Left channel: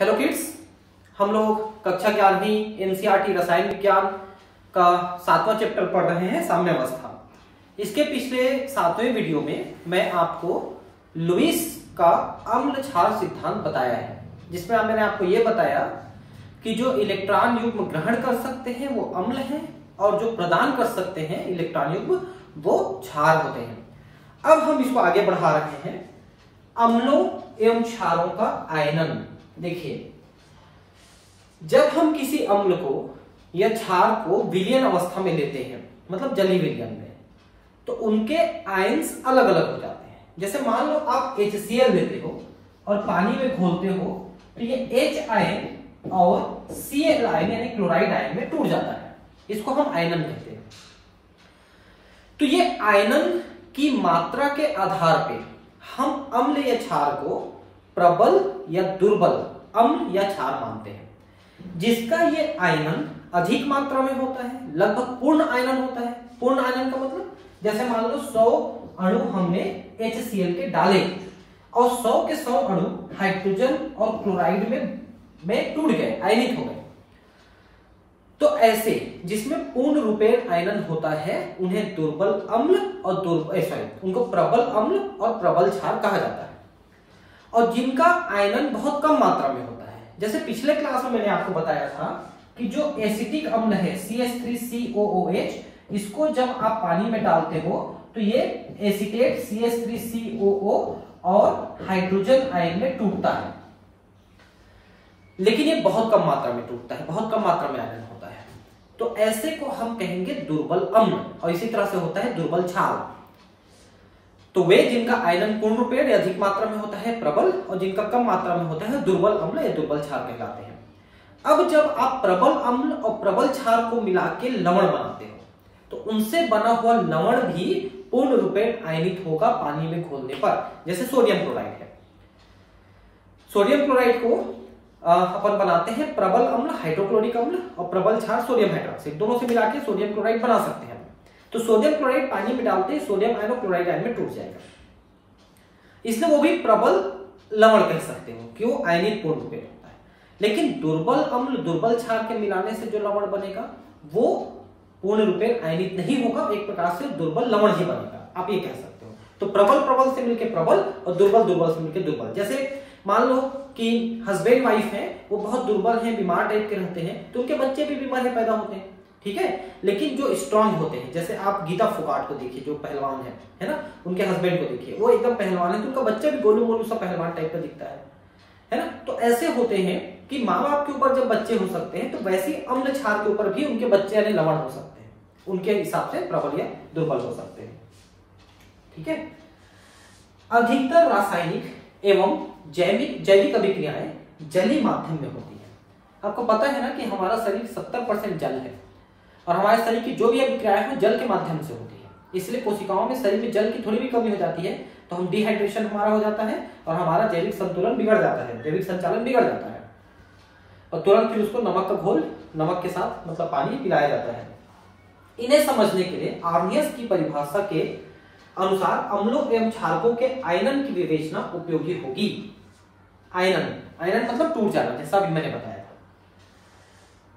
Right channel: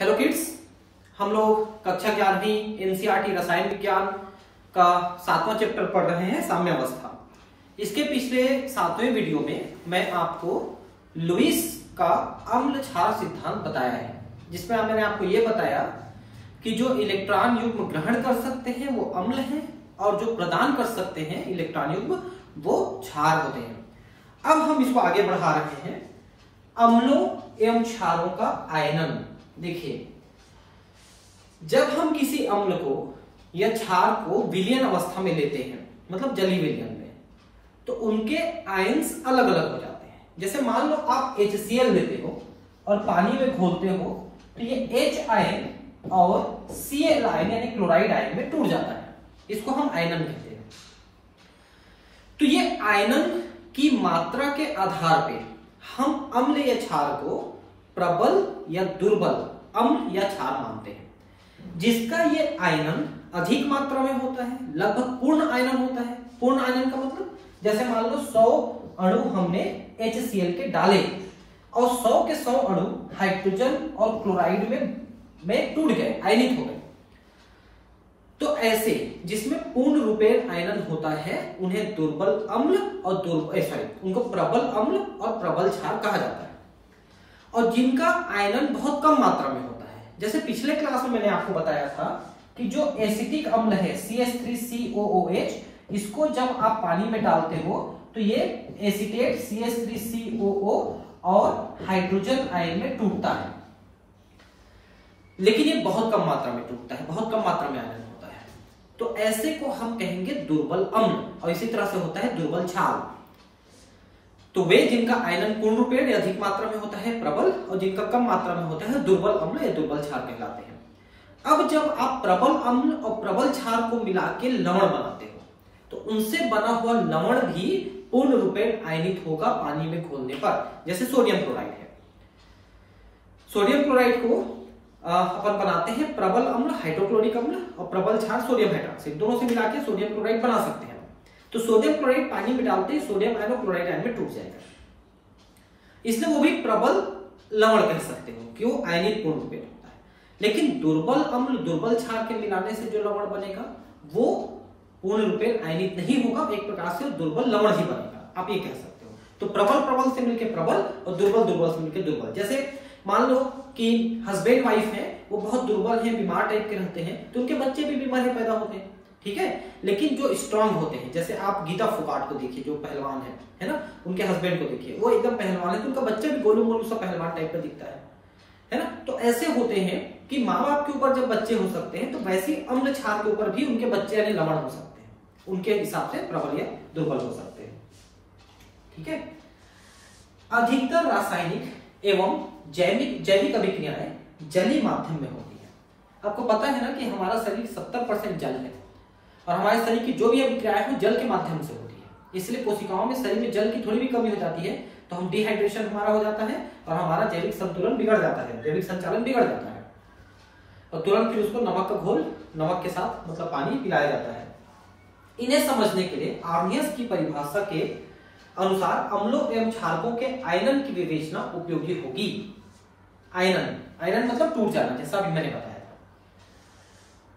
Hello kids, हम लोग कक्षा 11वीं एनसीईआरटी रसायन विज्ञान का 7वां चैप्टर पढ़ रहे हैं, साम्य अवस्था। इसके पिछले 7वें वीडियो में मैं आपको लुईस का अम्ल क्षार सिद्धांत बताया है, जिसमें मैंने आपको यह बताया कि जो इलेक्ट्रॉन युग्म ग्रहण कर सकते हैं वो अम्ल हैं और जो प्रदान कर सकते हैं इलेक्ट्रॉन युग्म वो क्षार होते हैं। अब हम इसको आगे बढ़ा रहे हैं, अम्लों एवं क्षारों का आयनन। देखिए, जब हम किसी अम्ल को या क्षार को विलयन अवस्था में लेते हैं, मतलब जलीय विलयन में, तो उनके आयन्स अलग अलग हो जाते हैं। जैसे मान लो आप HCl लेते हो और पानी में घोलते हो, तो ये H आयन और Cl आयन यानी क्लोराइड आयन में टूट जाता है। इसको हम आयनन कहते हैं। तो ये आयनन की मात्रा के आधार पे हम अम्ल या क्षार को प्रबल या दुर्बल अम्ल या क्षार मानते हैं। जिसका ये आयनन अधिक मात्रा में होता है, लगभग पूर्ण आयनन होता है। पूर्ण आयनन का मतलब, जैसे मान लो 100 अणु हमने HCl के डाले और 100 के 100 अणु हाइड्रोजन और क्लोराइड में टूट गए, आयनिक हो गए। तो ऐसे जिसमें पूर्ण रूपेण आयनन होता है उन्हें दुर्बल अम्ल और उनको प्रबल अम्ल और प्रबल क्षार कहा जाता है। और जिनका आयनन बहुत कम मात्रा में होता है, जैसे पिछले क्लास में मैंने आपको बताया था कि जो एसिटिक अम्ल है CH3COOH, इसको जब आप पानी में डालते हो तो ये एसीटेट CH3COO और हाइड्रोजन आयन में टूटता है, लेकिन ये बहुत कम मात्रा में टूटता है, बहुत कम मात्रा में आयनन होता है। तो ऐसे को हम कहेंगे दुर्बल अम्ल। और इसी तरह से होता है दुर्बल क्षार। तो वे जिनका आयनन पूर्ण रूपेण या अधिक मात्रा में होता है प्रबल, और जिनका कम मात्रा में होता है दुर्बल अम्ल या दुर्बल क्षार कहलाते हैं। अब जब आप प्रबल अम्ल और प्रबल क्षार को मिला के लवण बनाते हो, तो उनसे बना हुआ लवण भी पूर्ण रूपेण आयनित होगा पानी में घोलने पर। जैसे सोडियम क्लोराइड है, सोडियम क्लोराइड को अपन बनाते हैं प्रबल अम्ल हाइड्रोक्लोरिक अम्ल और प्रबल क्षार सोडियम हाइड्रोक्साइड, दोनों से मिला के सोडियम क्लोराइड बना सकते हैं। तो सोडियम क्लोराइड पानी में डालते ही सोडियम आयन और क्लोराइड आयन में टूट जाएगा, इसलिए वो भी प्रबल लवण कह सकते हो, क्यों? आयनिक पूर्ण रूपेण होता है। लेकिन दुर्बल अम्ल दुर्बल क्षार के मिलाने से जो लवण बनेगा वो पूर्ण रूपेण आयनिक नहीं होगा, एक प्रकार से दुर्बल लवण ही बनेगा, आप ये कह सकते हो। तो प्रबल प्रबल से मिलकर प्रबल और दुर्बल दुर्बल से मिलकर दुर्बल। जैसे मान लो कि हस्बैंड वाइफ है, वो बहुत दुर्बल है, बीमार टाइप के रहते हैं, तो उनके बच्चे भी बीमार है पैदा होते हैं, ठीक है। लेकिन जो स्ट्रांग होते हैं, जैसे आप गीता फोगाट को देखिए, जो पहलवान है ना, उनके हस्बैंड को देखिए, वो एकदम पहलवान है, तो उनका बच्चा भी गोलू मोलू सा पहलवान टाइप का दिखता है ना। तो ऐसे होते हैं कि माँ बाप के ऊपर जब बच्चे हो सकते हैं, तो वैसे अम्ल क्षार के ऊपर भी उनके बच्चे यानी लवण हो सकते हैं, उनके हिसाब से प्रबल या दुर्बल हो सकते हैं, ठीक है। अधिकतर रासायनिक एवं जैविक अभिक्रियाएं जलीय माध्यम में होती है। आपको पता है ना कि हमारा शरीर 70% जल है और हमारे शरीर की जो भी अभिक्रियाएं हैं जल के माध्यम से होती है। इसलिए कोशिकाओं में शरीर में जल की थोड़ी भी कमी हो जाती है तो हम डिहाइड्रेशन हमारा हो जाता है और हमारा जैविक संतुलन बिगड़ जाता है, जैविक संचालन बिगड़ जाता है, और तुरंत फिर उसको नमक का घोल, नमक के साथ मतलब पानी पिलाया जाता है। इन्हें समझने के लिए आर्नियस की परिभाषा के अनुसार अम्लों एवं क्षारकों के आयनन की विवेचना उपयोगी होगी। आयनन मतलब टूट जाना, जैसा अभी मैंने बताया था।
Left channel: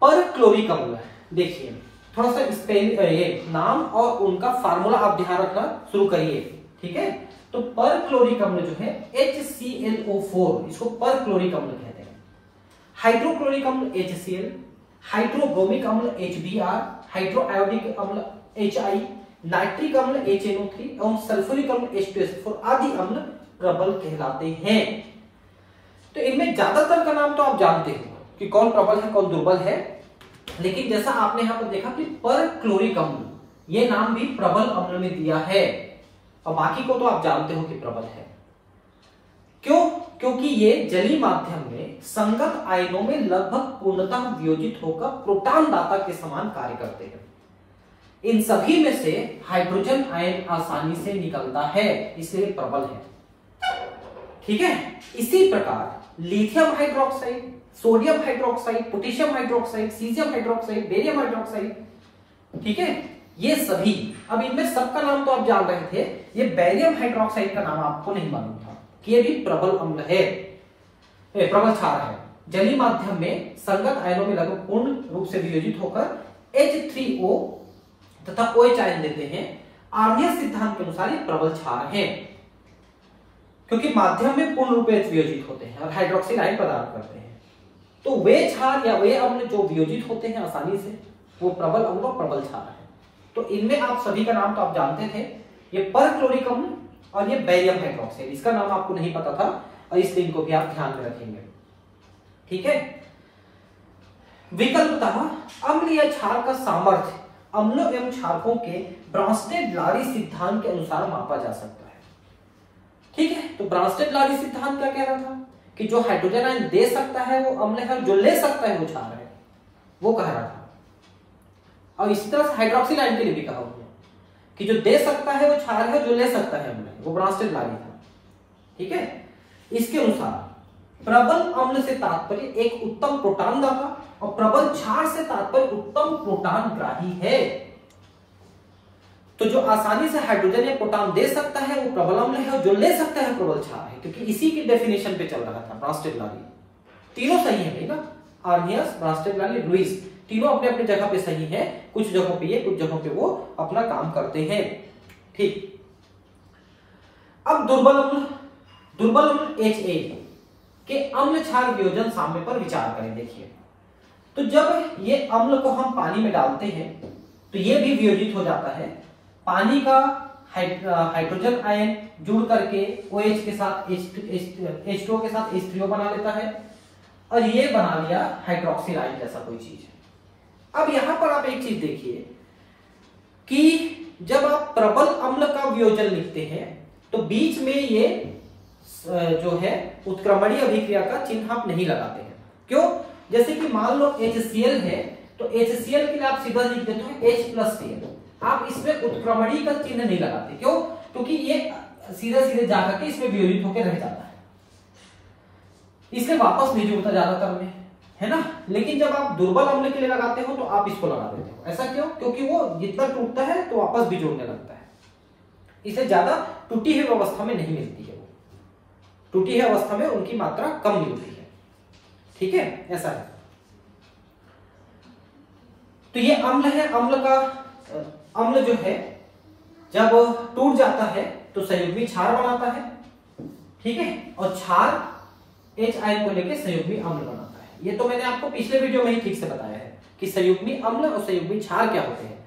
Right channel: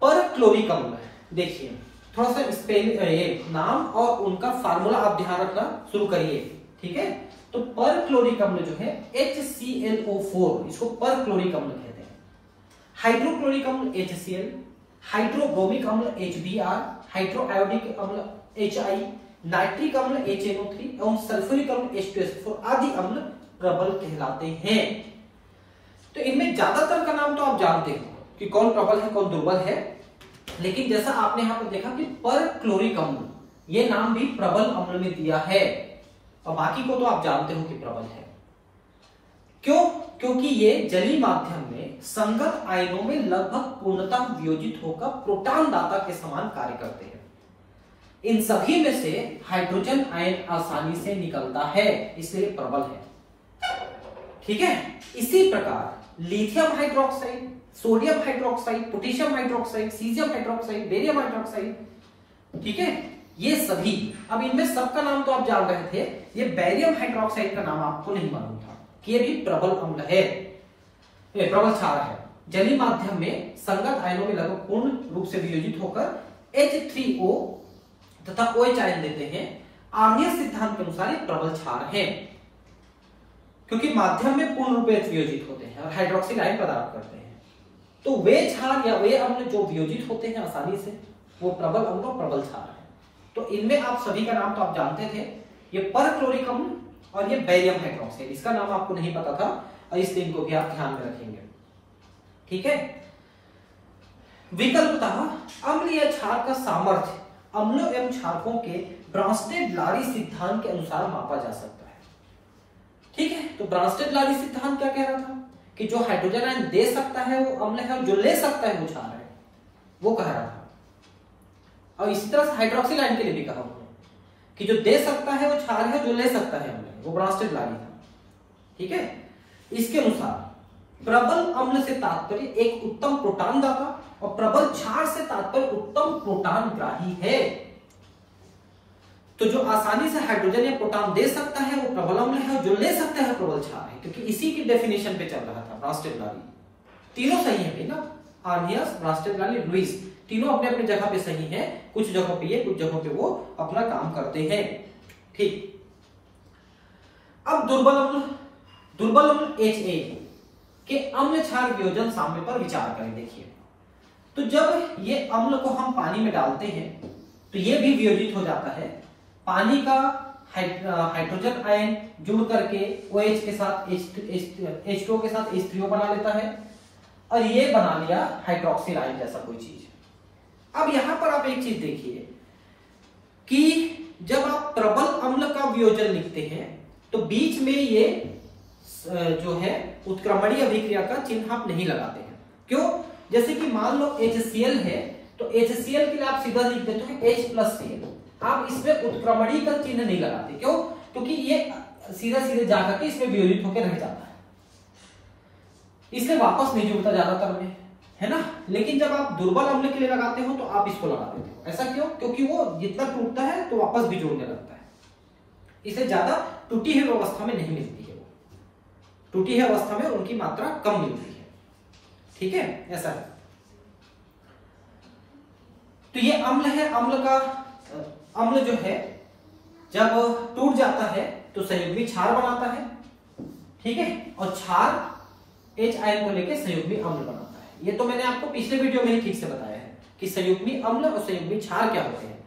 परक्लोरिक अम्ल, देखिए थोड़ा सा स्पेलिंग नाम और उनका फार्मूला आप ध्यान रखना शुरू करिए, ठीक है। तो परक्लोरिक अम्ल जो है HClO4, इसको परक्लोरिक अम्ल कहते हैं। हाइड्रोक्लोरिक अम्ल HCl, हाइड्रोब्रोमिक अम्ल HBr, हाइड्रोआयोडिक अम्ल HI, नाइट्रिक अम्ल HNO3 एवं सल्फ्यूरिक अम्ल H2SO4 आदि अम्ल प्रबल कहलाते हैं। तो इनमें ज्यादातर का नाम तो आप जानते हो कि कौन प्रबल है कौन दुर्बल है, लेकिन जैसा आपने यहां पर देखा कि परक्लोरिक अम्ल, ये नाम भी प्रबल अम्ल में दिया है, और बाकी को तो आप जानते हो कि प्रबल है। क्यों? क्योंकि ये जलीय माध्यम में संगत आयनों में लगभग पूर्णतः वियोजित होकर प्रोटॉन दाता के समान कार्य करते हैं। इन सभी में से हाइड्रोजन आयन आसानी से निकलता है, इसलिए प्रबल है, ठीक है। इसी प्रकार lithium hydroxide, sodium hydroxide, potassium hydroxide, caesium hydroxide, barium hydroxide, ठीक है, ये सभी, अब इनमें सबका नाम तो आप जान रहे थे, ये बेरियम हाइड्रोक्साइड का नाम आपको नहीं मालूम था कि ये भी प्रबल अम्ल है, प्रबल क्षार है। जलीय माध्यम में संगत आयनों में लगभग पूर्ण रूप से वियोजित होकर H3O तथा OH आयन देते हैं। आर्नियस सिद्धांत के अनुसार ये प्रबल क्षार हैं, क्योंकि माध्यम में पूर्ण रूप से वियोजित होते हैं और हाइड्रोक्सिल आयन प्रदान करते हैं। तो वे क्षार या वे अम्ल जो वियोजित होते हैं आसानी से, वो प्रबल अम्ल और प्रबल क्षार है। तो इनमें आप सभी का नाम तो आप जानते थे, ये परक्लोरिक अम्ल और ये बेरियम हाइड्रोक्साइड, इसका नाम आपको नहीं पता था और इसलिए इनको भी आप ध्यान में रखेंगे। ठीक है। विकल्पतः अम्ल या क्षार का सामर्थ्य अम्लों एवं क्षारकों के ब्रांस्टेड-लारी सिद्धांत के अनुसार मापा जा सकता है। ठीक है। तो ब्रांस्टेड-लारी सिद्धांत क्या कह रहा था कि जो हाइड्रोजन आयन दे सकता है वो अम्ल है और जो ले सकता है वो क्षार है, वो कह रहा था। और इसी तरह से हाइड्रोक्सिल आयन के लिए भी कहा उन्होंने कि जो दे सकता है वो क्षार है, जो ले सकता है अम्ल है, वो ब्रांस्टेड-लारी था। ठीक है। इसके अनुसार प्रबल अम्ल से तात्पर्य एक उत्तम प्रोटॉन दाता और प्रबल क्षार से तात्पर्य उत्तम प्रोटॉन ग्राही है। तो जो आसानी से हाइड्रोजन या प्रोटॉन दे सकता है वो प्रबल अम्ल है और जो ले सकता है प्रबल क्षार है, क्योंकि इसी की डेफिनेशन पे चल रहा था ब्रांस्टेड-लारी। तीनों सही है ना, आर्नियस, ब्रांस्टेड-लारी, लुईस, तीनों अपने अपने जगह पे सही है। कुछ जगहों पे ये, कुछ जगहों पे वो अपना काम करते हैं। ठीक। अब दुर्बल अम्ल Ha के अम्ल क्षार वियोजन साम्य पर विचार करें। देखिए, तो जब ये अम्ल को हम पानी में डालते हैं तो ये भी वियोजित हो जाता है। पानी का हाइड्रोजन आयन जुड़ करके OH के साथ H2O के साथ H3O बना लेता है और ये बना लिया हाइड्रोक्सिल आयन जैसा कोई चीज। अब यहां पर आप एक चीज देखिए कि जब आप प्रबल अम्ल का वियोजन लिखते हैं तो बीच में ये जो है उत्क्रमणीय अभिक्रिया का चिन्ह आप नहीं लगाते हैं। क्यों? जैसे कि मान लो HCl है तो HCl के लिए आप सीधा लिख देते हो H+Cl, आप इसमें उत्क्रमणीय का चिन्ह नहीं लगाते। क्यों? क्योंकि ये सीधा सीधे जाकर के इसमें वियोजित होकर रह जाता है, इसलिए वापस नहीं जुड़ता ज्यादातर में, है ना। लेकिन जब आप दुर्बल अम्ल के लिए लगाते हो तो आप इसको लगा देते हो। ऐसा क्यों? क्योंकि वो जितना टूटता है तो वापस भी जुड़ने लगता है, इसे ज्यादा टूटी हुई अवस्था में नहीं मिलती है। टूटी हुई अवस्था में उनकी मात्रा कम मिलती है। ठीक है, ऐसा है। तो ये अम्ल है, अम्ल जो है जब टूट जाता है तो संयुग्मी क्षार बनाता है। ठीक है, और क्षार H आयन को लेकर संयुग्मी अम्ल बनाता है। ये तो मैंने आपको पिछले वीडियो में ही ठीक से बताया है कि संयुग्मी अम्ल और संयुग्मी क्षार क्या होते हैं।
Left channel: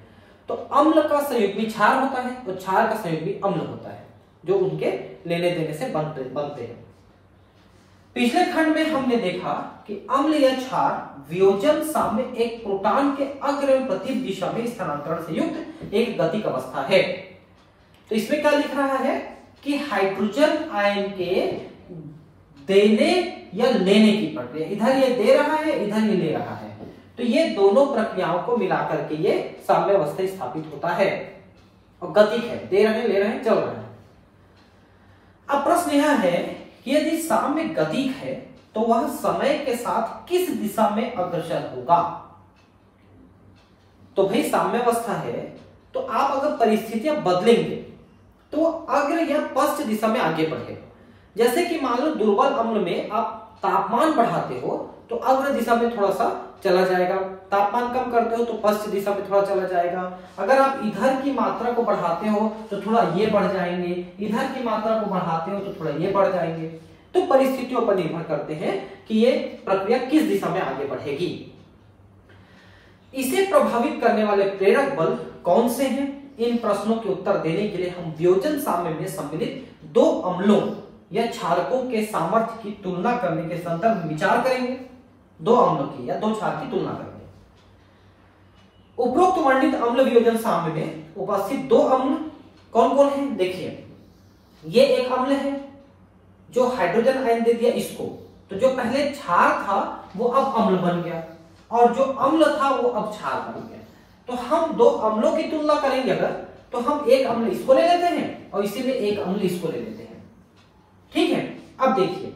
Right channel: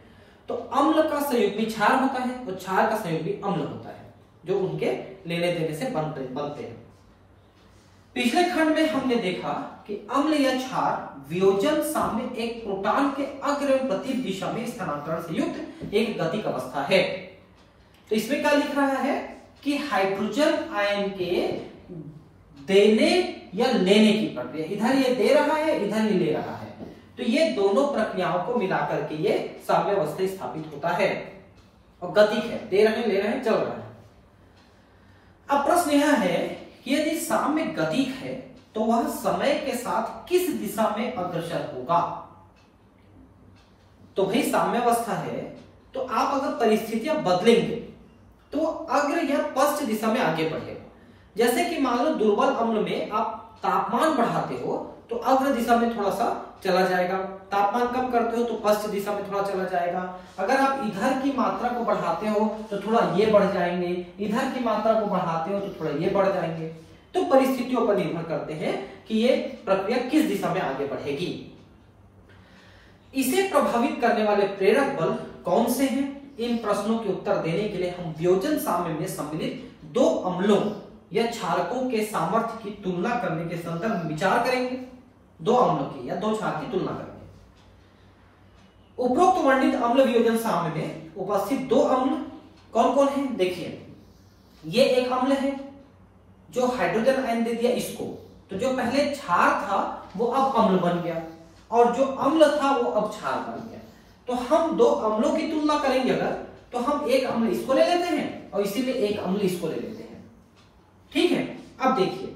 तो अम्ल का संयुग्मी क्षार होता है और क्षार का संयुग्मी अम्ल होता है, जो उनके लेने देने से बनते हैं। पिछले खंड में हमने देखा कि अम्ल या क्षार वियोजन साम्य एक प्रोटॉन के अग्र एवं प्रतिदिश दिशा में स्थानांतरण से युक्त एक गतिक अवस्था है। तो इसमें क्या लिख रहा है कि हाइड्रोजन आयन के देने या लेने की प्रक्रिया, इधर ये दे रहा है, इधर ये ले रहा है, तो ये दोनों प्रक्रियाओं को मिलाकर के ये साम्य अवस्था स्थापित होता है और गतिक है, दे रहे हैं, ले रहे हैं, चल रहा है। अब प्रश्न यह है कि यदि साम्य गतिक है तो वह समय के साथ किस दिशा में अग्रसर होगा। तो भाई साम्य अवस्था है तो आप अगर परिस्थितियां बदलेंगे तो अग्र या पश्च दिशा में आगे बढ़ेगा। जैसे कि मान लो दुर्बल अम्ल में आप तापमान बढ़ाते हो तो अग्र दिशा में थोड़ा सा चला जाएगा, तापमान कम करते हो तो पश्च दिशा में थोड़ा चला जाएगा। अगर आप इधर की मात्रा को बढ़ाते हो तो थोड़ा ये बढ़ जाएंगे, इधर की मात्रा को बढ़ाते हो तो थोड़ा ये बढ़ जाएंगे। तो परिस्थितियों पर निर्भर करते हैं कि ये प्रक्रिया किस दिशा में आगे बढ़ेगी। इसे प्रभावित करने वाले प्रेरक बल कौन से हैं? इन प्रश्नों के उत्तर देने के लिए हम वियोजन साम्य में सम्मिलित दो अम्लों या क्षारकों के सामर्थ्य की तुलना करने के संदर्भ में विचार करेंगे। दो अम्लों की या दो क्षार की तुलना करेंगे। उपरोक्त वर्णित अम्ल वियोजन साम्य में उपस्थित दो अम्ल कौन कौन है? देखिए, ये एक अम्ल है जो हाइड्रोजन आयन दे दिया इसको, तो जो पहले क्षार था वो अब अम्ल बन गया और जो अम्ल था वो अब क्षार बन गया। तो हम दो अम्लों की तुलना करेंगे अगर, तो हम एक अम्ल इसको ले लेते हैं और इसी में एक अम्ल इसको ले लेते हैं। ठीक है, अब देखिए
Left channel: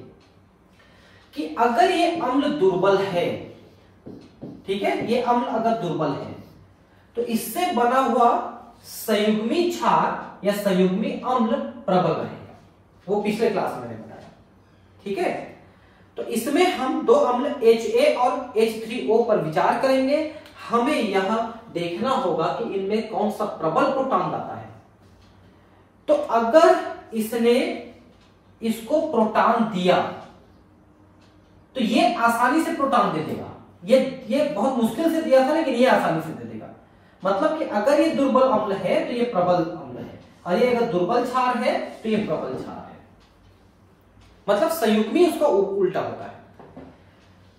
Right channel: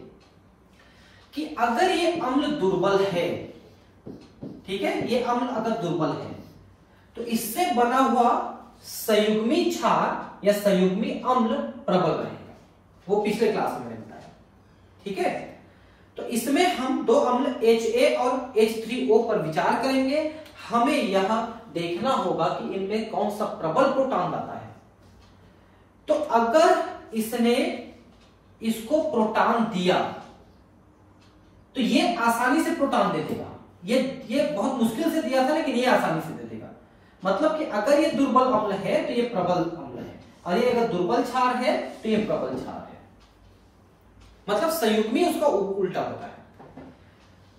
कि अगर ये अम्ल दुर्बल है, ठीक है, ये अम्ल अगर दुर्बल है तो इससे बना हुआ संयुग्मी क्षार या संयुग्मी अम्ल प्रबल रहेगा। वो पिछले क्लास में मैंने बताया। ठीक है, तो इसमें हम दो अम्ल HA और H3O पर विचार करेंगे। हमें यह देखना होगा कि इनमें कौन सा प्रबल प्रोटॉन दाता है। तो अगर इसने इसको प्रोटॉन दिया तो ये आसानी से प्रोटॉन दे देगा। ये बहुत मुश्किल से दिया था, लेकिन ये आसानी से दे देगा। मतलब कि अगर ये दुर्बल अम्ल है तो ये प्रबल अम्ल है, और ये अगर दुर्बल क्षार है तो ये प्रबल क्षार है। मतलब संयुग्मी उसका उल्टा होता है।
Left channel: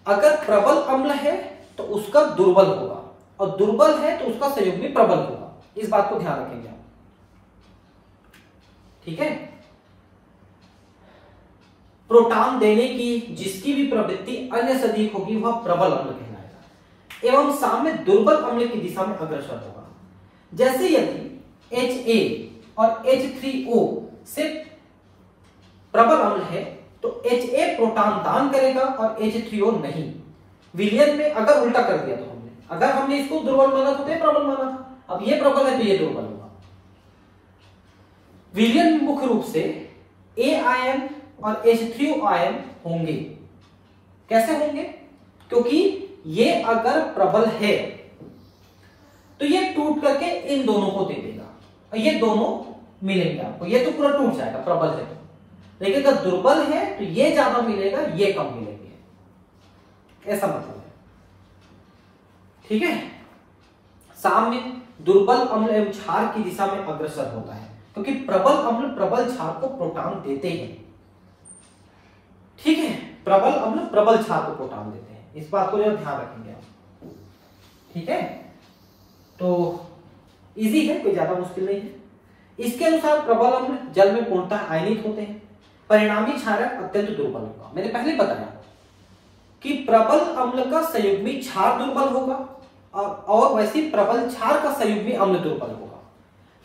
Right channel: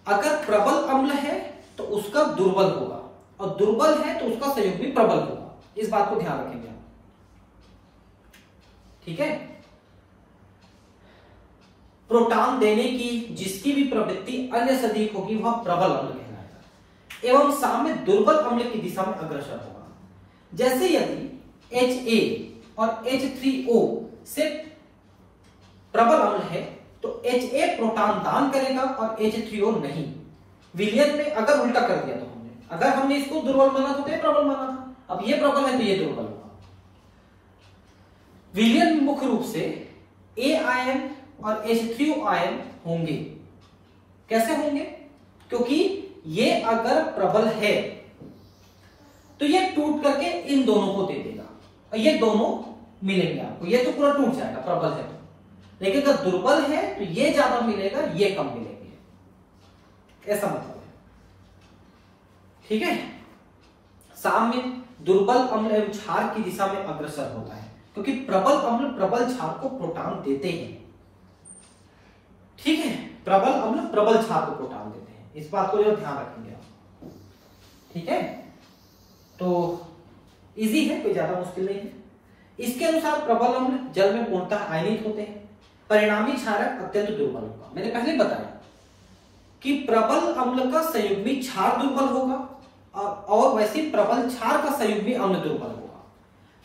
अगर प्रबल अम्ल है तो उसका दुर्बल होगा, और दुर्बल है तो उसका संयुग्मी प्रबल होगा। इस बात को ध्यान रखेंगे आप, ठीक है। प्रोटॉन देने की जिसकी भी प्रवृत्ति अन्य से अधिक होगी वह प्रबल अम्ल कहलाएगा, एवं साम्य दुर्बल अम्ल की दिशा में अग्रसर होगा। जैसे यदि HA और H3O से प्रबल अम्ल है तो HA प्रोटॉन दान करेगा और H3O नहीं। विलयन में अगर उल्टा कर दिया तो अगर हमने इसको दुर्बल माना तो प्रबल माना था, अब ये प्रबल है तो ये दुर्बल होगा। विलयन मुख्य रूप से A आयन और H3O आयन होंगे। कैसे होंगे? क्योंकि ये अगर प्रबल है तो ये टूट करके इन दोनों को दे देगा, और ये दोनों मिलेंगे आपको। ये तो पूरा टूट जाएगा प्रबल है, लेकिन अगर दुर्बल है तो ये ज्यादा मिलेगा, ये कम मिलेंगे, ऐसा मतलब है, ठीक है। साम्य दुर्बल अम्ल एवं क्षार की दिशा में अग्रसर होता है, क्योंकि प्रबल अम्ल प्रबल क्षार को प्रोटॉन देते हैं, ठीक है। प्रबल अम्ल प्रबल क्षार को प्रोटॉन देते हैं, इस बात को जो ध्यान रखेंगे आप, ठीक है। तो इजी है, कोई ज्यादा मुश्किल नहीं है। इसके अनुसार प्रबल अम्ल जल में पूर्णतः आयनित होते हैं, परिणामी क्षारक अत्यंत दुर्बल होगा। मैंने पहले बताया कि प्रबल अम्ल का संयुग्मी क्षार दुर्बल होगा, और वैसे प्रबल क्षार का संयुग्मी अम्ल दुर्बल होगा।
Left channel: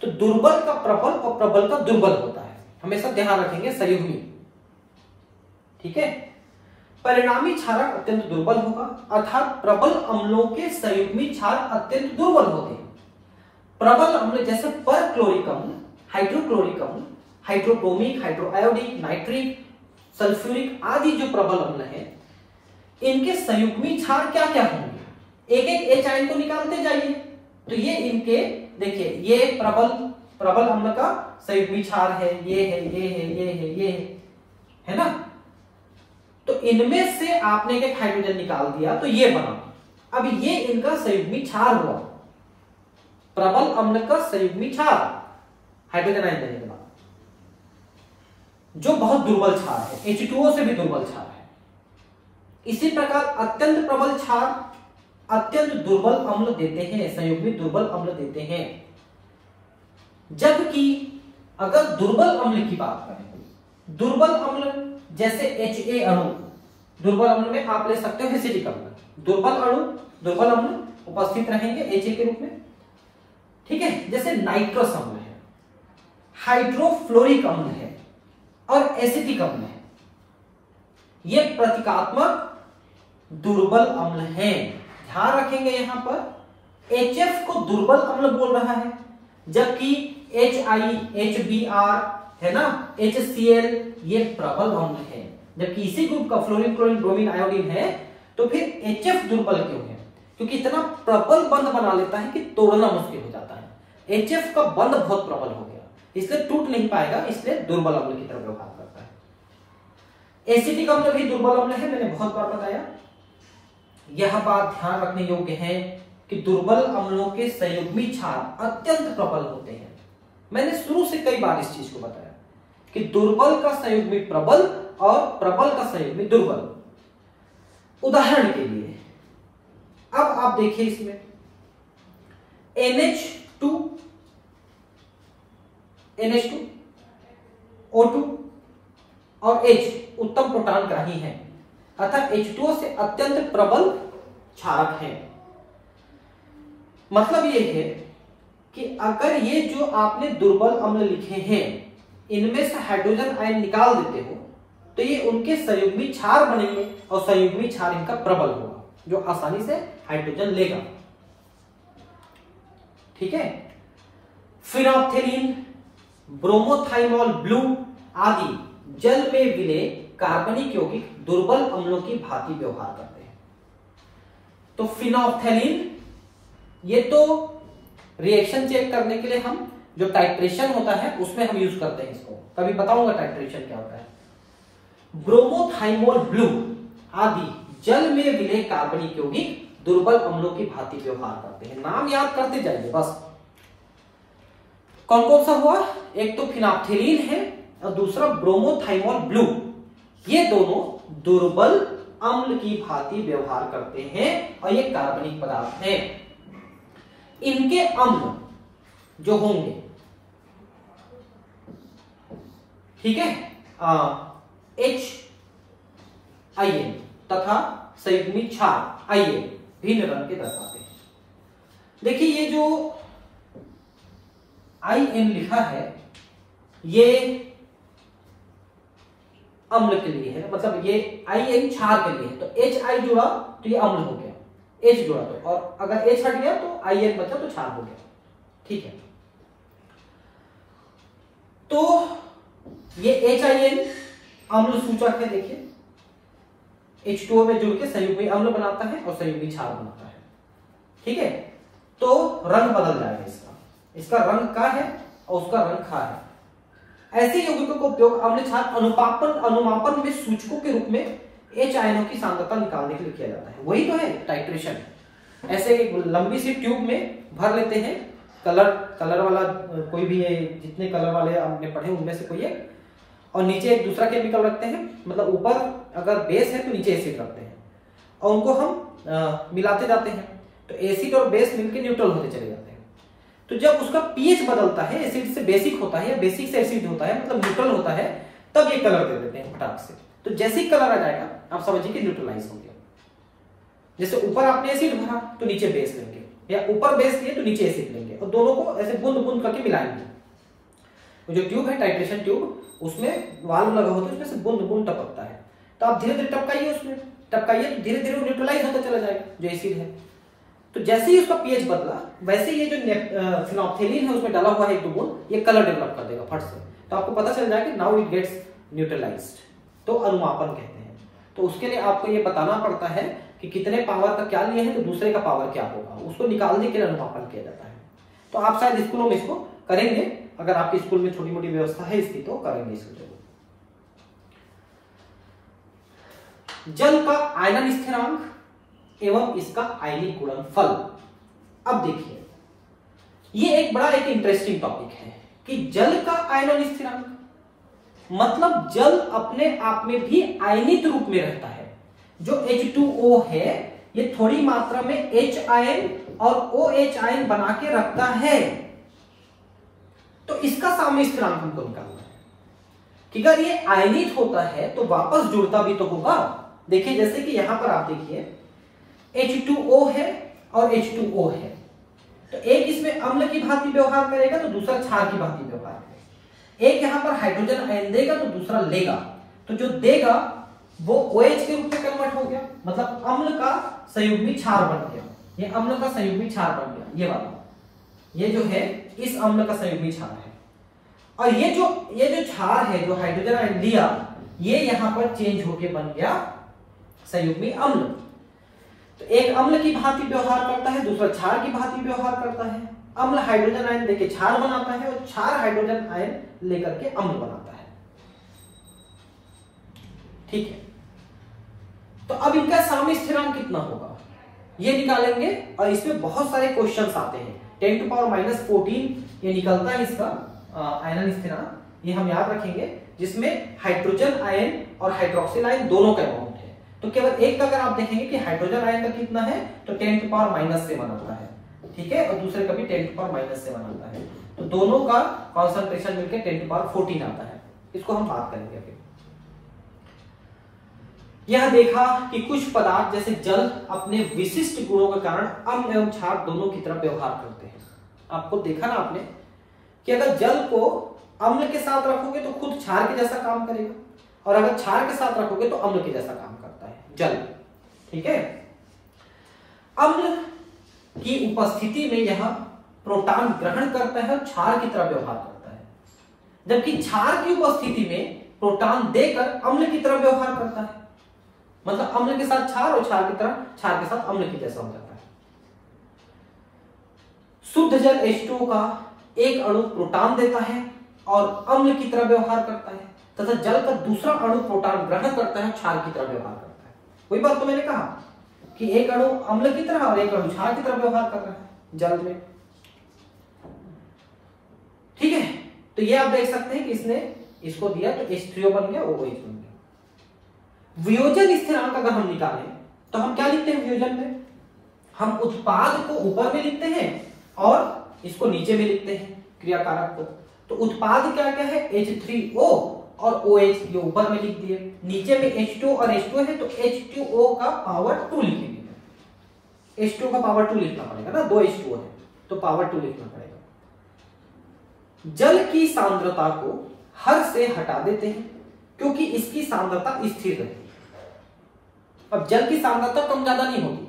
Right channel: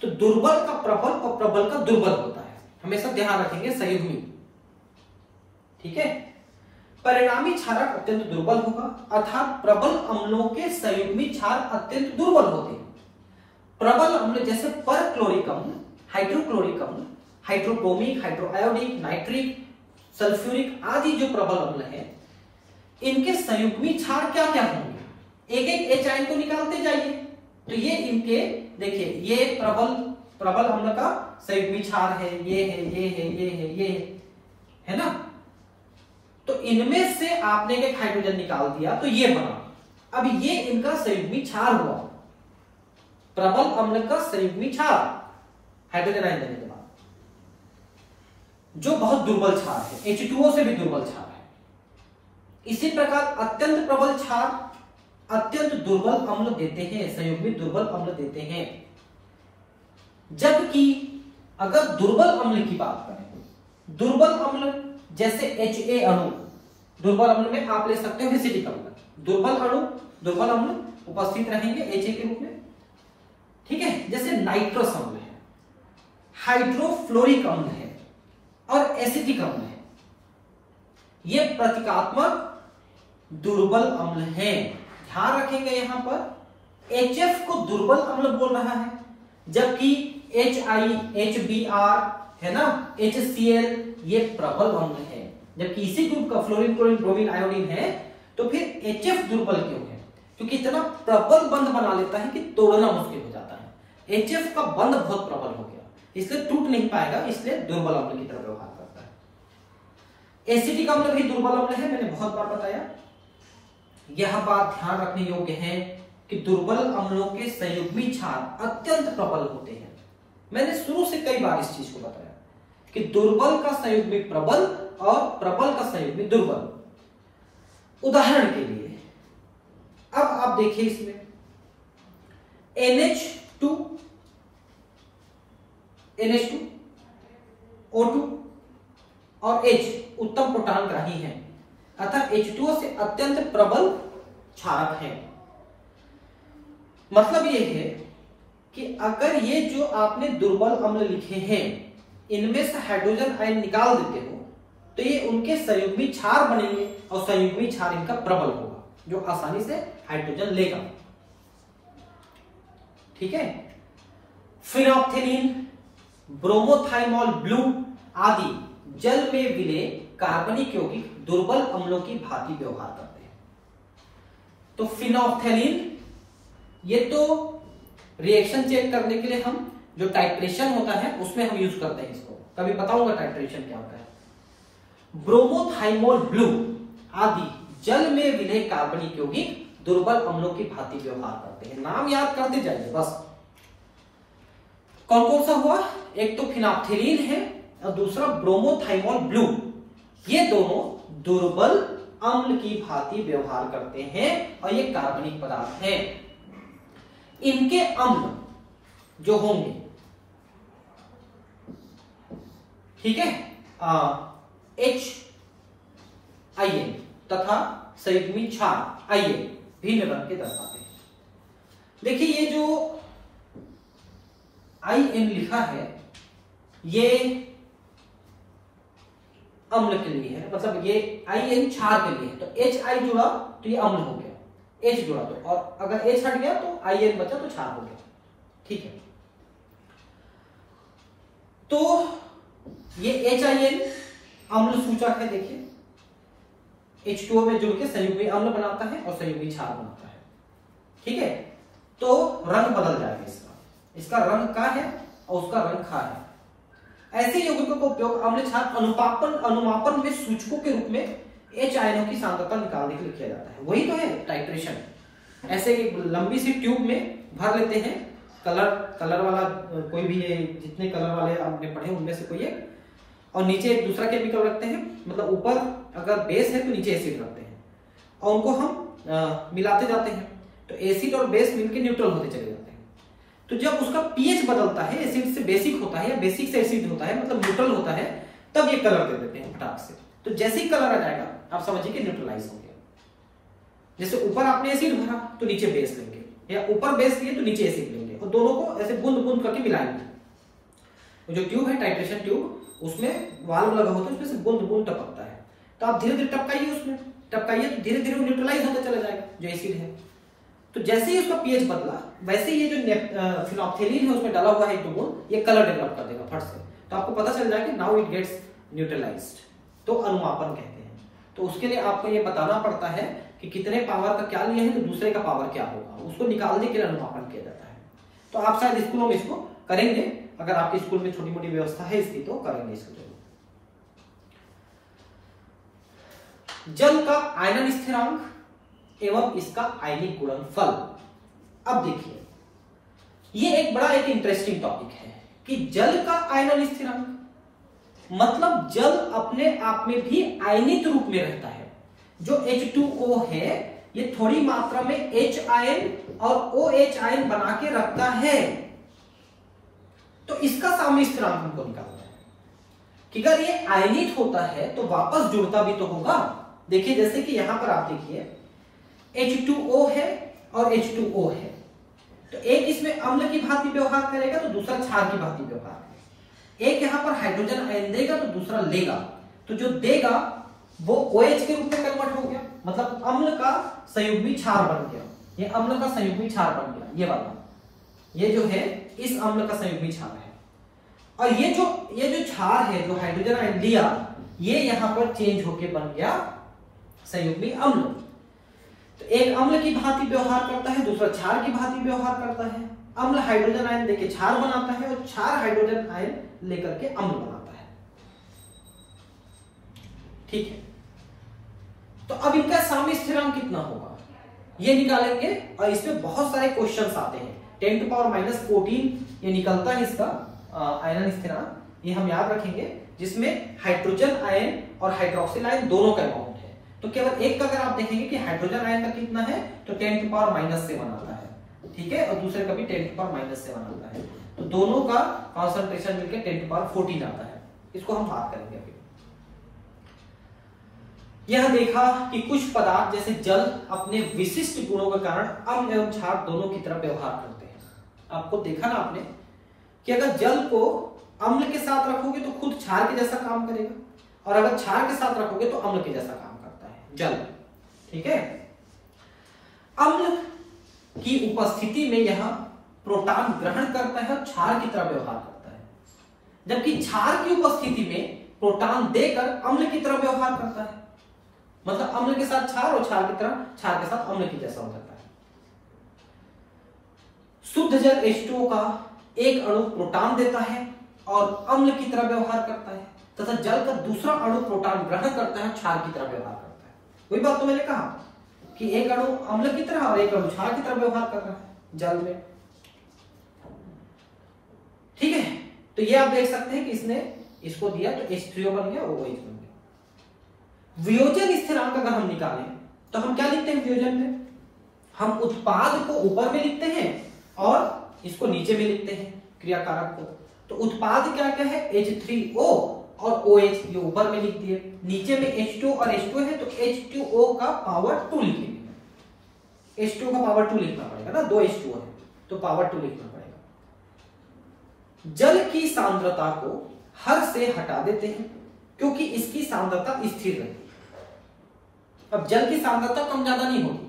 तो दुर्बल का प्रबल और प्रबल का दुर्बल होता है, हमेशा ध्यान रखेंगे संयुग्मी, ठीक है। परिणामी क्षारक अत्यंत दुर्बल होगा, अर्थात प्रबल अम्लों के संयुग्मी क्षार अत्यंत दुर्बल होते हैं। प्रबल अम्ल जैसे परक्लोरिक अम्ल, हाइड्रोक्लोरिक अम्ल, हाइड्रोब्रोमिक, हाइड्रोआयोडिक, नाइट्रिक, सल्फ्यूरिक आदि जो प्रबल अम्ल है, इनके संयुग्मी क्षार क्या क्या होंगे? एक एक H आयन को निकालते जाइए। तो ये इनके देखिए, ये प्रबल अम्ल का संयुग्मी क्षार है, ये है, ये है, ये है, ये है ना। तो इनमें से आपने एक हाइड्रोजन निकाल दिया तो ये बना। अब ये इनका संयुग्मी क्षार हुआ, प्रबल अम्ल का संयुग्मी क्षार हाइड्रोजन आयन देने के बाद, जो बहुत दुर्बल क्षार है, H2O से भी दुर्बल क्षार है। इसी प्रकार अत्यंत प्रबल क्षार अत्यंत दुर्बल अम्ल देते हैं, संयुग्मी दुर्बल अम्ल देते हैं। जबकि अगर दुर्बल अम्ल की बात करें, दुर्बल अम्ल जैसे HA अणु, दुर्बल अम्ल में आप ले सकते हो एसिटिक अम्ल। दुर्बल अम्ल उपस्थित रहेंगे HA के रूप में, ठीक है। जैसे नाइट्रस अम्ल है, हाइड्रोफ्लोरिक अम्ल है और एसिटिक अम्ल है, ये प्रतीकात्मक दुर्बल अम्ल है। ध्यान रखेंगे यहां पर HF को दुर्बल अम्ल बोल रहा है, जबकि HI, HBr है ना, HCl ये प्रबल अम्ल है। जबकि इसी ग्रुप का फ्लोरीन, क्लोरीन, ब्रोमीन, आयोडीन है, तो फिर HF दुर्बल क्यों है? क्योंकि इतना प्रबल बंध बना लेता है कि तोड़ना मुश्किल हो जाता है। HF का बंध बहुत प्रबल हो गया, इसलिए टूट नहीं पाएगा, इसलिए दुर्बल अम्ल की तरफ व्यवहार करता है। एसिटिक अम्ल भी दुर्बल अम्ल है, मैंने बहुत बार बताया। यह बात ध्यान रखने योग्य है कि दुर्बल अम्लों के संयुग्मी क्षार अत्यंत प्रबल होते हैं। मैंने शुरू से कई बार इस चीज को बताया कि दुर्बल का संयुग्मी प्रबल और प्रबल का संयुग्मी दुर्बल। उदाहरण के लिए अब आप देखिए, इसमें NH2, O2 और H उत्तम प्रोटॉन ग्राही है, अर्थात H2O से अत्यंत प्रबल क्षारक है। मतलब यह है कि अगर ये जो आपने दुर्बल अम्ल लिखे हैं, इनमें से हाइड्रोजन आयन निकाल देते हो तो ये उनके संयुग्मी क्षार बनेंगे, और संयुग्मी क्षार इनका प्रबल होगा, जो आसानी से हाइड्रोजन लेगा, ठीक है। फिनोप्थेलीन, ब्रोमोथाइमोल ब्लू आदि जल में विलय कार्बनिक यौगिक दुर्बल अम्लों की भांति व्यवहार करते हैं। तो फिनोल्फथैलीन, ये तो रिएक्शन चेक करने के लिए हम जो टाइट्रेशन होता है उसमें हम यूज करते हैं इसको, कभी बताऊंगा टाइट्रेशन क्या होता है। ब्रोमोथाइमोल ब्लू आदि जल में विलय कार्बनिक यौगिक दुर्बल अम्लों की भांति व्यवहार करते हैं। नाम याद करते जाइए बस। कौन कौन सा हुआ? एक तो फिनोल्फथैलीन है और दूसरा ब्रोमोथाइमोल ब्लू। ये दोनों दुर्बल अम्ल की भांति व्यवहार करते हैं और ये कार्बनिक पदार्थ हैं। इनके अम्ल जो होंगे, ठीक है, HIN तथा संयुग्मी क्षार IN भिन्न रंग के दर्शाते हैं। देखिए ये जो IN लिखा है ये अम्ल के लिए है, मतलब ये IN क्षार के लिए है। तो HI जुड़ा तो ये अम्ल हो गया, H जुड़ा तो, और अगर H हट गया तो IN बचा तो क्षार हो गया। ठीक है, तो ये HIN अम्ल सूचक है। देखिए H2O में जुड़ के संयुग्मी अम्ल बनाता है और संयुग्मी क्षार बनाता है। ठीक है, तो रंग बदल जाएगा इसका रंग का है और उसका रंग खा है। ऐसे यौगिकों का उपयोग अम्ल क्षार अनुमापन में सूचकों के रूप में H आयनों की सांद्रता निकालने के लिए किया जाता है। वही तो है टाइट्रेशन। ऐसे एक लंबी सी ट्यूब में भर लेते हैं, कलर वाला कोई भी है, जितने कलर वाले आपने पढ़े उनमें से कोई एक, और नीचे एक दूसरा केमिकल रखते हैं, मतलब ऊपर अगर बेस है तो नीचे एसिड रखते हैं और उनको हम मिलाते जाते हैं। तो एसिड और बेस मिलकर न्यूट्रल होते चले जाते हैं। तो जब उसका पीएच बदलता है, एसिड से बेसिक होता है या बेसिक से एसिड होता है, मतलब न्यूट्रल होता है, तब ये कलर दे देते हैं फटाक से। तो जैसे ही कलर आ जाएगा आप समझिए कि न्यूट्रलाइज हो गया। जैसे ऊपर आपने एसिड भरा तो नीचे बेस लेंगे, या ऊपर बेस लिए तो नीचे एसिड लेंगे, और दोनों को ऐसे बूंद बूंद करके मिलाएंगे। वो जो ट्यूब है टाइट्रेशन ट्यूब, उसमें वाल्व लगा होता है, उसमें से बूंद बूंद टपकता है। तो आप धीरे धीरे टपकाइए, उसमें टपकाइए, धीरे धीरे न्यूट्रलाइज होता चला जाएगा जो एसिड है। तो जैसे ही उसका पीएच बदला, वैसे ये जो फिनोल्फथैलीन है उसमें डाला हुआ है एक बूंद, ये कलर डेवलप कर देगा फट से। तो आपको पता चल जाएगा कि नाउ इट गेट्स न्यूट्रलाइज्ड। तो अनुमापन कहते हैं। तो उसके लिए आपको ये बताना पड़ता है कि कितने पावर का क्या लिए है तो दूसरे का पावर क्या होगा, उसको निकालने के लिए अनुमापन किया जाता है। तो आप शायद स्कूलों में इसको करेंगे, अगर आपके स्कूल में छोटी मोटी व्यवस्था है इसकी तो करेंगे इसको जरूर। जल का आयनन स्थिरांक एवं इसका आयनिक गुणनफल। अब देखिए ये एक बड़ा एक इंटरेस्टिंग टॉपिक है कि जल का आयनन स्थिरांक मतलब जल अपने आप में भी आयनित रूप में रहता है। जो H2O है ये थोड़ी मात्रा में H आयन और OH आयन बना के रखता है। तो इसका साम्य स्थिरांक हमको निकालना है कि अगर ये आयनित होता है तो वापस जुड़ता भी तो होगा। देखिए जैसे कि यहां पर आप देखिए H2O है और H2O है, तो एक इसमें अम्ल की भांति व्यवहार करेगा तो दूसरा क्षार की भांति व्यवहार करेगा। एक यहां पर हाइड्रोजन आयन देगा तो दूसरा लेगा, तो जो देगा वो OH के रूप में कन्वर्ट हो गया, मतलब अम्ल का संयुग्मी क्षार बन गया। ये अम्ल का संयुग्मी क्षार बन गया, ये वाला, ये जो है इस अम्ल का संयुग्मी क्षार है। और ये जो क्षार है जो हाइड्रोजन आयन दिया, ये यहां पर चेंज होके बन गया संयुग्मी अम्ल। तो एक अम्ल की भांति व्यवहार करता है, दूसरा क्षार की भांति व्यवहार करता है। अम्ल हाइड्रोजन आयन लेके क्षार बनाता है और क्षार हाइड्रोजन आयन लेकर के अम्ल बनाता है। ठीक है, तो अब इनका साम्य स्थिरांक कितना होगा ये निकालेंगे, और इसमें बहुत सारे क्वेश्चंस आते हैं। 10⁻14 ये निकलता है इसका आयनन स्थिरांक, ये हम याद रखेंगे, जिसमें हाइड्रोजन आयन और हाइड्रोक्सिल आयन दोनों का अमाउंट है। तो केवल एक का अगर आप देखेंगे कि हाइड्रोजन आयन का कितना है तो 10⁻7 आता है, ठीक है, और दूसरे का भी 10⁻7 आता है। तो दोनों का कॉन्सेंट्रेशन मिलकर 10⁻14 आता है। इसको हम बात करेंगे अभी। यह देखा कि कुछ पदार्थ जैसे जल अपने विशिष्ट गुणों के कारण अम्ल एवं क्षार दोनों की तरफ व्यवहार करते हैं। आपको देखा ना आपने कि अगर जल को अम्ल के साथ रखोगे तो खुद क्षार के जैसा काम करेगा, और अगर क्षार के साथ रखोगे तो अम्ल के जैसा काम करता है जल। ठीक है, अम्ल की उपस्थिति में यह प्रोटॉन ग्रहण करता है और क्षार की तरह व्यवहार करता है, जबकि क्षार की उपस्थिति में प्रोटॉन देकर अम्ल की तरह व्यवहार करता है। मतलब अम्ल के साथ क्षार और क्षार के साथ अम्ल की जैसा हो जाता है। शुद्ध जल H2O का एक अणु प्रोटॉन देता है और अम्ल की तरह व्यवहार करता है, तथा जल का दूसरा अणु प्रोटॉन ग्रहण करता है, क्षार की तरह व्यवहार करता है। वही बात तो मैंने कहा कि एक अणु अम्ल की तरह और एक अणु क्षार की तरह व्यवहार कर रहा है जल में। ठीक है, तो ये आप देख सकते हैं कि इसने इसको दिया तो H3O बन गया, OH बन गया। वियोजन स्थिरांक अगर हम निकालें तो हम क्या लिखते हैं वियोजन में? हम उत्पाद को ऊपर में लिखते हैं और इसको नीचे में लिखते हैं क्रियाकारक को। तो उत्पाद क्या क्या है? H3O और OH जो ऊपर में लिख दिए, नीचे में H2 और H2 है तो H2O का पावर 2 लिखेंगे। H2 का पावर 2 लिखना पड़ेगा ना, 2 H2O है तो पावर 2 लिखना पड़ेगा। जल की सांद्रता को हर से हटा देते हैं क्योंकि इसकी सांद्रता स्थिर रहती है। अब जल की सांद्रता कम ज्यादा नहीं होगी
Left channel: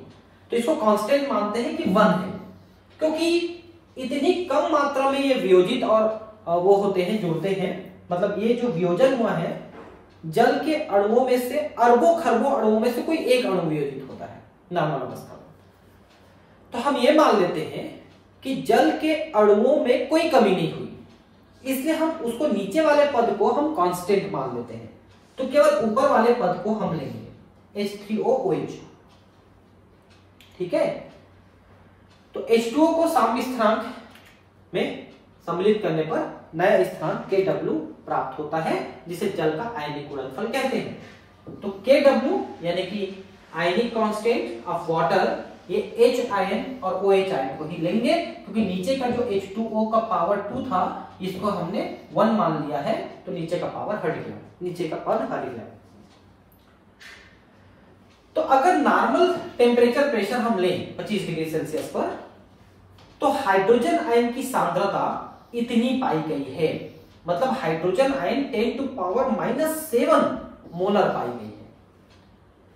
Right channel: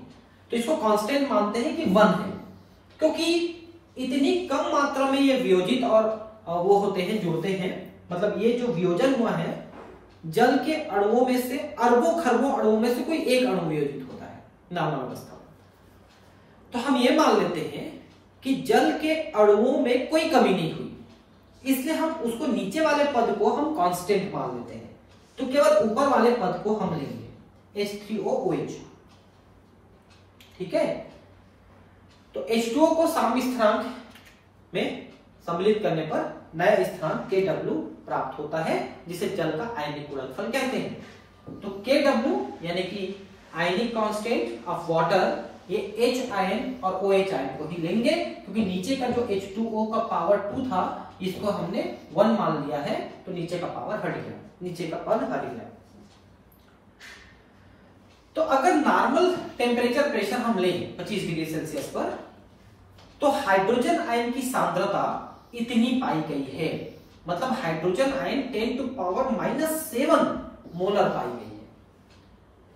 तो इसको कांस्टेंट मानते हैं कि 1 है, क्योंकि इतनी कम मात्रा में ये वियोजित और वो होते हैं, जुड़ते हैं। मतलब ये जो वियोजन हुआ है, जल के अणुओं में से अरबों खरबों अणुओं में से कोई एक अणु वियोजित होता है नॉर्मल अवस्था में। तो हम ये मान लेते हैं कि जल के अणुओं में कोई कमी नहीं हुई, इसलिए हम उसको नीचे वाले पद को हम कांस्टेंट मान लेते हैं। तो केवल ऊपर वाले पद को हम लेंगे H3OOH। ठीक है, तो H2O को साम्य स्थिरांक में सम्मिलित करने पर नया स्थिरांक Kw प्राप्त होता है, जिसे जल का आयनिक गुणनफल कहते हैं। तो Kw यानी कि आयनिक कांस्टेंट ऑफ वाटर, ये H आयन और OH आयन को ही लेंगे, क्योंकि नीचे का जो H2O का पावर 2 था इसको हमने 1 मान लिया है, तो नीचे का पावर हट गया, नीचे का पद हट गया। तो अगर नॉर्मल टेम्परेचर प्रेशर हम लें 25 डिग्री सेल्सियस पर, तो हाइड्रोजन आयन की सांद्रता इतनी पाई गई है। मतलब हाइड्रोजन आयन 10⁻⁻7 मोलर पाई गई है।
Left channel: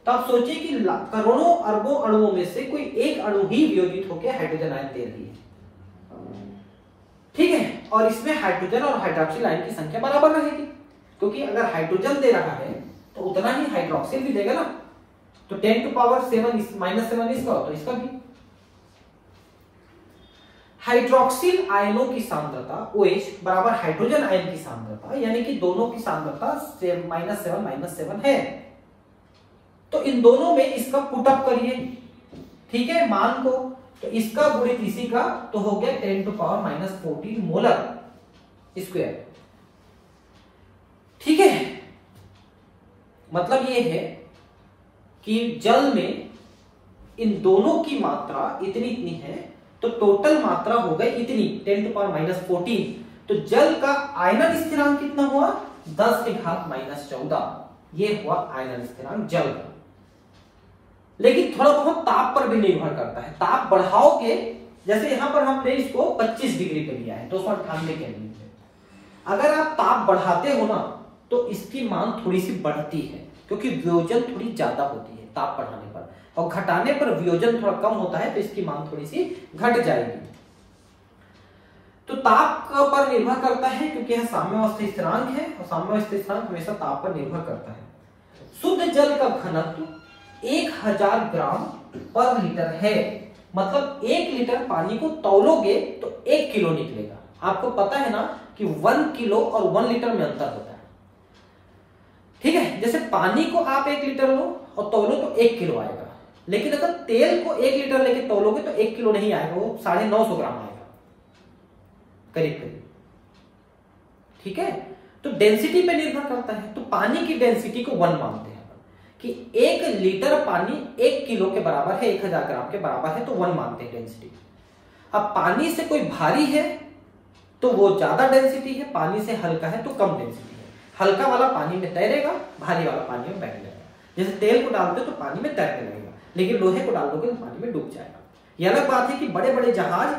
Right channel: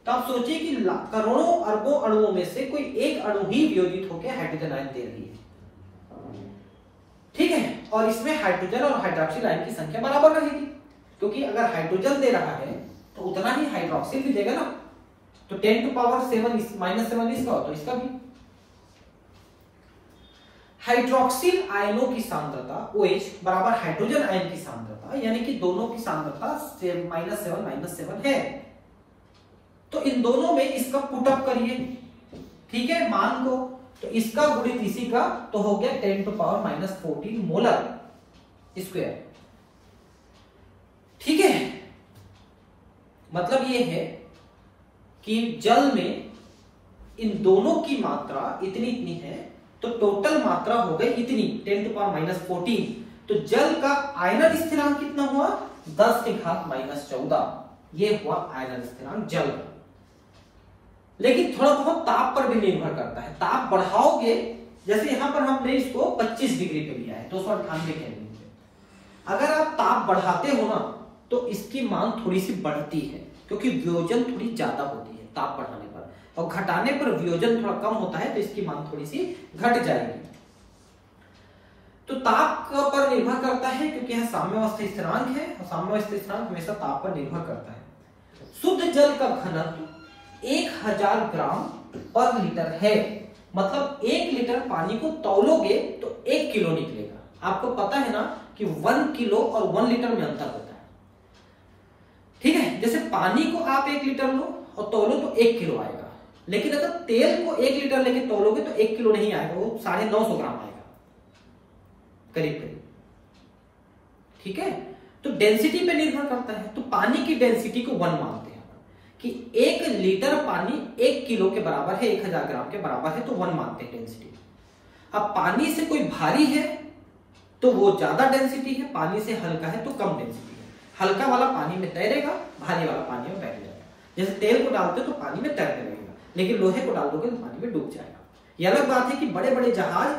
तो आप सोचिए कि करोड़ों अरबों अणुओं में से कोई एक अणु ही वियोजित होकर हाइड्रोजन आयन दे रही है। ठीक है, और इसमें हाइड्रोजन और हाइड्रोक्सिल आयन की संख्या बराबर रहेगी, क्योंकि अगर हाइड्रोजन दे रहा है तो उतना ही हाइड्रोक्सिल भी देगा ना। तो 10⁻7 इसका तो इसका भी। हाइड्रोक्सिल आयनों की सांद्रता OH बराबर हाइड्रोजन आयन की सांद्रता, यानी कि दोनों की सांद्रता -7 है। तो इन दोनों में इसका पुटअप करिए, ठीक है, मान को, तो इसका गुणित इसी का तो हो गया 10⁻14 मोलर स्क्वायर। ठीक है, मतलब ये है कि जल में इन दोनों की मात्रा इतनी है, तो टोटल मात्रा हो गई इतनी 10⁻14। तो जल का आयनन स्थिरांक कितना हुआ? 10⁻14। ये हुआ आयनन स्थिरांक जल का। लेकिन थोड़ा बहुत ताप पर भी निर्भर करता है। ताप बढ़ाओगे, जैसे यहां पर हमने इसको 25 डिग्री पे लिया है, 298 केल्विन पे। अगर आप ताप बढ़ाते हो ना तो इसकी मांग थोड़ी सी बढ़ती है, क्योंकि वियोजन थोड़ी ज्यादा होती है ताप बढ़ाने पर, और घटाने पर वियोजन थोड़ा कम होता है, तो इसकी मांग थोड़ी सी घट जाएगी। तो ताप पर निर्भर करता है, क्योंकि यह साम्यावस्था स्थिरांक है और साम्यावस्था स्थिरांक हमेशा ताप पर निर्भर करता है। शुद्ध जल का घनत्व 1000 ग्राम पर लीटर है। मतलब 1 लीटर पानी को तौलोगे तो 1 किलो निकलेगा। आपको पता है ना कि 1 किलो और 1 लीटर में अंतर होता है। ठीक है, जैसे पानी को आप 1 लीटर लो और तौलो तो 1 किलो आएगा, लेकिन अगर तेल को 1 लीटर लेके तौलोगे तो 1 किलो नहीं आएगा, वो 950 ग्राम आएगा करीब करीब। ठीक है, तो डेंसिटी पे निर्भर करता है। तो पानी की डेंसिटी को 1 मानते हैं कि 1 लीटर पानी 1 किलो के बराबर है, 1000 ग्राम के बराबर है, तो 1 मानते हैं डेंसिटी। अब पानी से कोई भारी है तो वो ज्यादा डेंसिटी है, पानी से हल्का है तो कम डेंसिटी है। हल्का वाला पानी में तैरेगा, भारी वाला पानी में बैठ जाएगा। जैसे तेल को डालते हो तो पानी में तैरने लगेगा, लेकिन लोहे को डाल दोगे तो पानी में डूब जाएगा। यह अलग बात है कि बड़े बड़े जहाज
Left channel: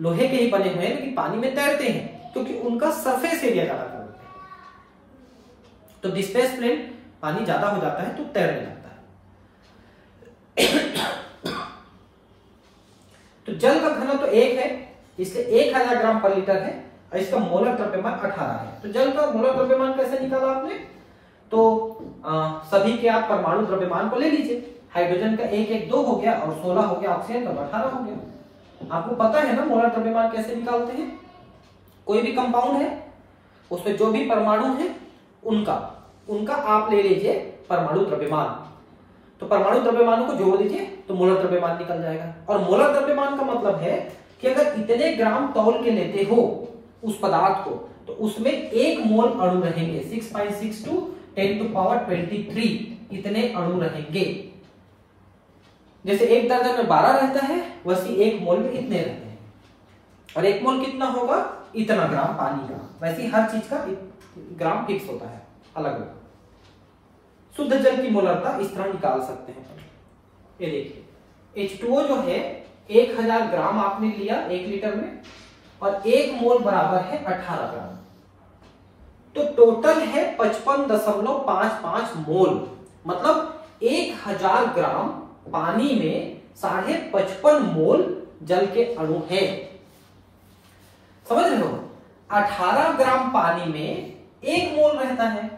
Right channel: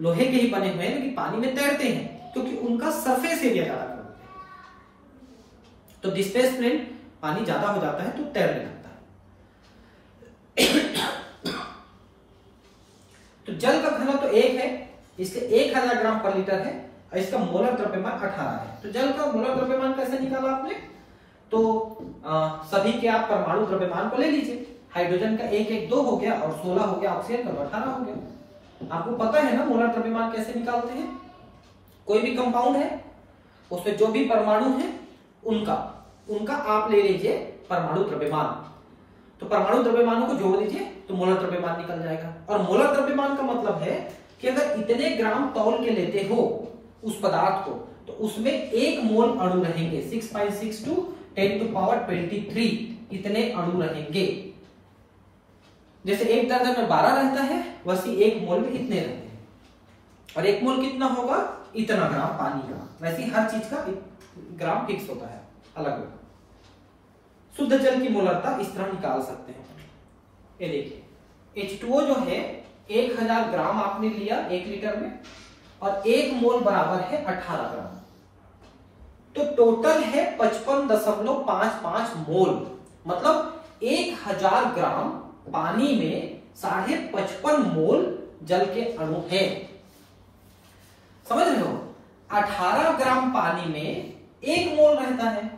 लोहे के ही बने हुए हैं, लेकिन पानी में तैरते हैं, क्योंकि उनका सरफेस एरिया ज्यादा होता है। तो डिस्प्लेसमेंट पानी ज्यादा हो जाता है तो तैरने लगता है। तो जल का घनत्व तो 1 है, इसलिए 1000 ग्राम पर लीटर है, और इसका मोलर द्रव्यमान 18 है। तो जल का मोलर द्रव्यमान कैसे निकाला आपने? तो सभी के आप परमाणु द्रव्यमान को ले लीजिए। हाइड्रोजन का 1 1 2 हो गया और 16 हो गया, ऑक्सीजन का 18 हो गया। आपको पता है ना मोलर द्रव्यमान कैसे निकालते हैं? कोई भी कंपाउंड है उसमें जो भी परमाणु है उनका आप ले लीजिए परमाणु द्रव्यमान। तो परमाणु द्रव्यमानों को जोड़ दीजिए तो मोलर द्रव्यमान निकल जाएगा। और मोलर द्रव्यमान का मतलब है कि अगर इतने ग्राम तौल के लेते हो उस पदार्थ को तो उसमें 1 मोल अणु रहेंगे। 6.62 10⁻23 इतने अणु रहेंगे। जैसे 1 दर्जन में 12 रहता है वैसे 1 मोल में इतने रहते हैं। और 1 मोल कितना होगा? इतना ग्राम पानी का। वैसे हर चीज का ग्राम फिक्स होता है अलग अलग। शुद्ध जल की मोलरता इस तरह निकाल सकते हैं। ये देखिए H2O जो है 1000 ग्राम आपने लिया 1 लीटर में और 1 मोल बराबर है 18 ग्राम। तो टोटल है 55.55 मोल। मतलब 1000 ग्राम पानी में 55.5 मोल जल के अणु है। समझ रहे हो? 18 ग्राम पानी में 1 मोल रहता है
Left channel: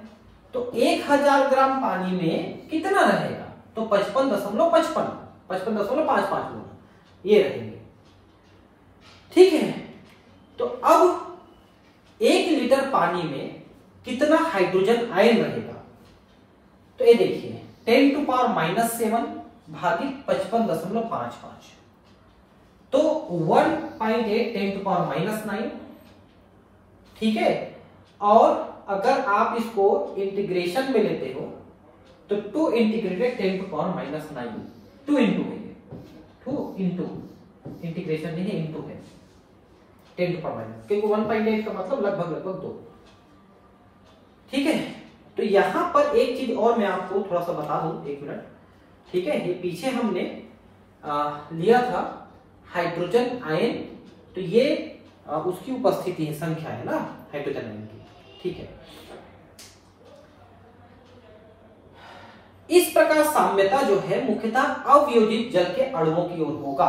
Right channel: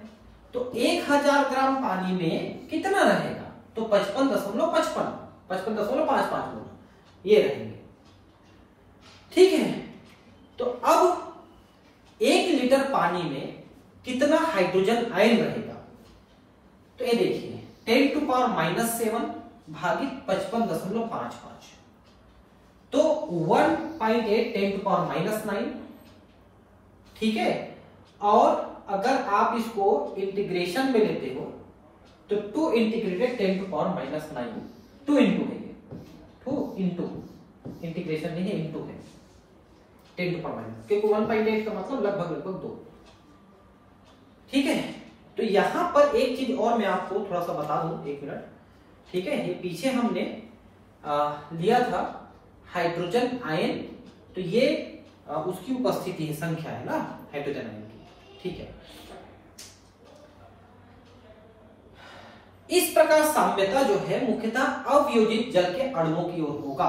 तो 1000 ग्राम पानी में कितना रहेगा? तो 55.55 मोल ये रहेंगे। ठीक है, तो अब 1 लीटर पानी में कितना हाइड्रोजन आयन रहेगा? तो ये देखिए 10⁻⁻7 भागित 55.55 तो 1.8 10⁻⁻9। ठीक है, और अगर आप इसको इंटीग्रेशन में लेते हो तो 2 इंटीग्रेटेड 10⁻⁹ 2 इंटू है ये, 2 इंटू इंटीग्रेशन नहीं है, इंटू है 10⁻⁻, क्योंकि 1.8 का मतलब लगभग 2। ठीक है, तो यहां पर एक चीज और मैं आपको थोड़ा सा बता दूं, 1 मिनट। ठीक है, ये पीछे हमने लिया था हाइड्रोजन आयन, तो ये उसकी उपस्थिति है, संख्या है ना हाइड्रोजन आयन की। ठीक है, इस प्रकार साम्यता जो है मुख्यतः अवयोजित जल के अणुओं की ओर होगा।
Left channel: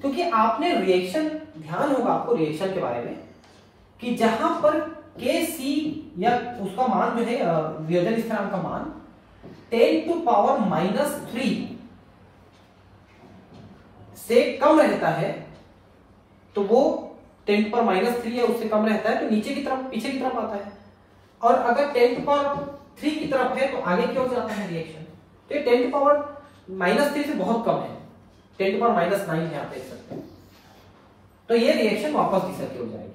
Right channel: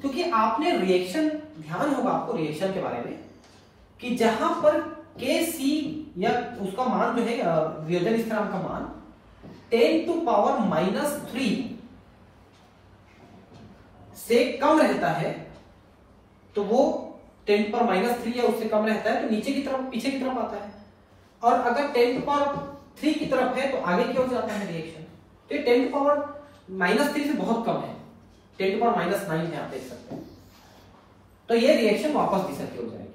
क्योंकि आपने रिएक्शन, ध्यान होगा आपको रिएक्शन के बारे में कि जहां पर Kc या उसका मान जो है वियोजन स्थिरांक का मान 10⁻³ से कम रहता है तो वो 10⁻³ या उससे कम रहता है तो नीचे की तरफ, पीछे की तरफ आता है। और अगर 10⁻³ की तरफ है तो आगे की ओर जाता है रिएक्शन। तो ये 10⁻³ से बहुत कम है, 10⁻⁹ यहां देख सकते हैं। तो ये रिएक्शन वापस दिशा की हो जाएगी।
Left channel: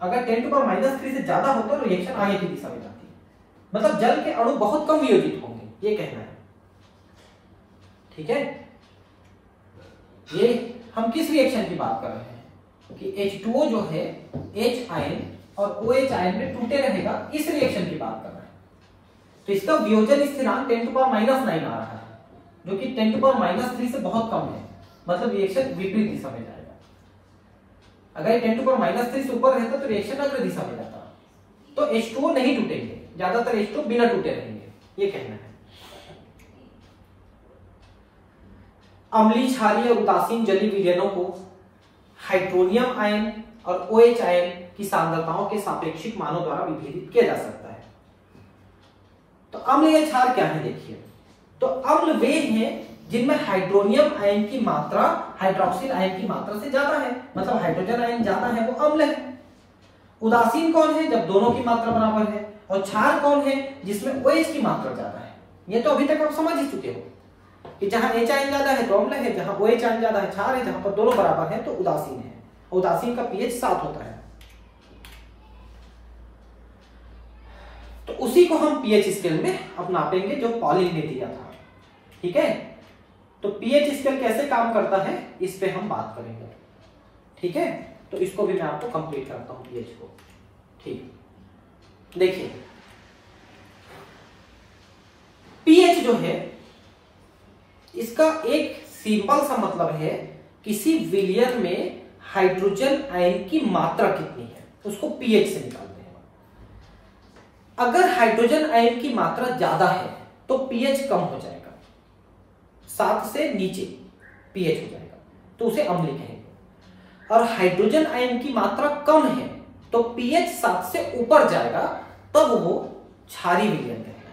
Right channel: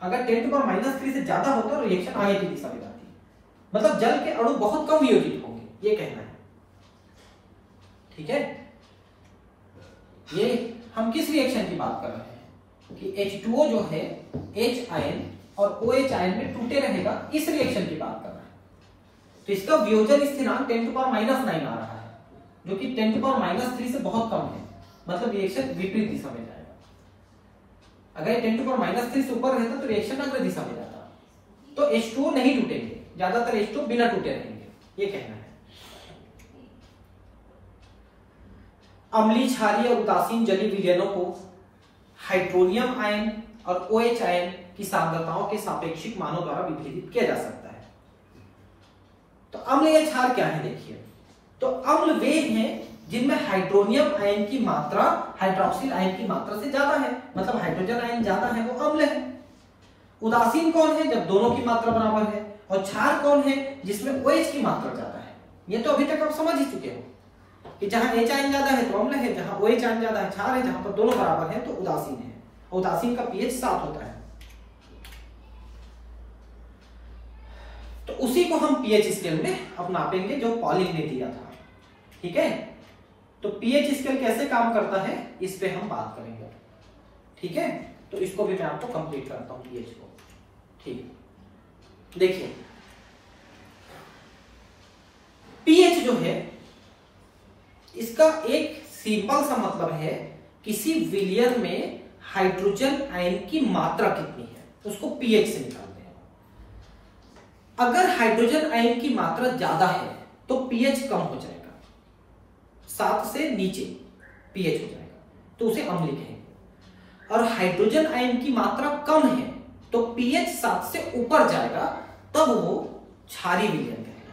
अगर 10⁻³ से ज्यादा होता है तो रिएक्शन आगे की दिशा में जाती है। मतलब जल के अणु बहुत कम वियोजित होंगे, ये कहना है। ठीक है, ये हम किस रिएक्शन की बात कर रहे हैं कि H2O जो है H आयन और OH आयन में टूटे रहेगा, इस रिएक्शन की बात कर रहे हैं। तो इसका वियोजन स्थिरांक 10⁻⁹ आ रहा है जो कि 10⁻³ से बहुत कम है। मतलब रिएक्शन विपरीत दिशा में जाएगा। अगर 10⁻³ से ऊपर रहता तो रिएक्शन अग्र दिशा में जाता। तो H2O नहीं टूटेंगे, ज्यादातर H2O बिना टूटे रहेंगे, ये कहना है। अम्लीय, क्षारीय और उदासीन जलीय विलयनों को हाइड्रोनियम आयन और OH आयन की सांद्रताओं के सापेक्षिक मानों द्वारा विभेदित किया जा सकता है। तो अम्ल या क्षार क्या है देखिए। तो अम्ल वे हैं जिनमें हाइड्रोनियम आयन की मात्रा हाइड्रोक्सिल आयन की मात्रा से ज्यादा है, मतलब हाइड्रोजन आयन ज्यादा है वो अम्ल है। उदासीन कौन है? जब दोनों की मात्रा बराबर है। और क्षार कौन है? जिसमें OH की मात्रा ज्यादा है। ये तो अभी तक आप समझ ही चुके हो कि जहां H आयन ज्यादा है तो अम्ल है, जहां OH आयन ज्यादा है क्षार है, जहां पर दोनों बराबर है तो उदासीन है। उदासीन का pH 7 होता है। तो उसी को हम pH स्केल में अब नापेंगे जो पॉलिंग ने दिया था। ठीक है, तो pH स्केल कैसे काम करता है इस पे हम बात करेंगे। ठीक है, तो इसको भी मैं आपको कंप्लीट करता हूं pH को। ठीक, देखिए pH जो है इसका एक सिंपल सा मतलब है किसी विलयन में हाइड्रोजन आयन की मात्रा कितनी है उसको pH से निकालते हैं। अगर हाइड्रोजन आयन की मात्रा ज्यादा है तो pH कम हो जाएगा, 7 से नीचे pH हो जाएगा तो उसे अम्लीय कहेंगे। और हाइड्रोजन आयन की मात्रा कम है तो pH 7 से ऊपर जाएगा तब वो क्षारीय विलयन कहेगा।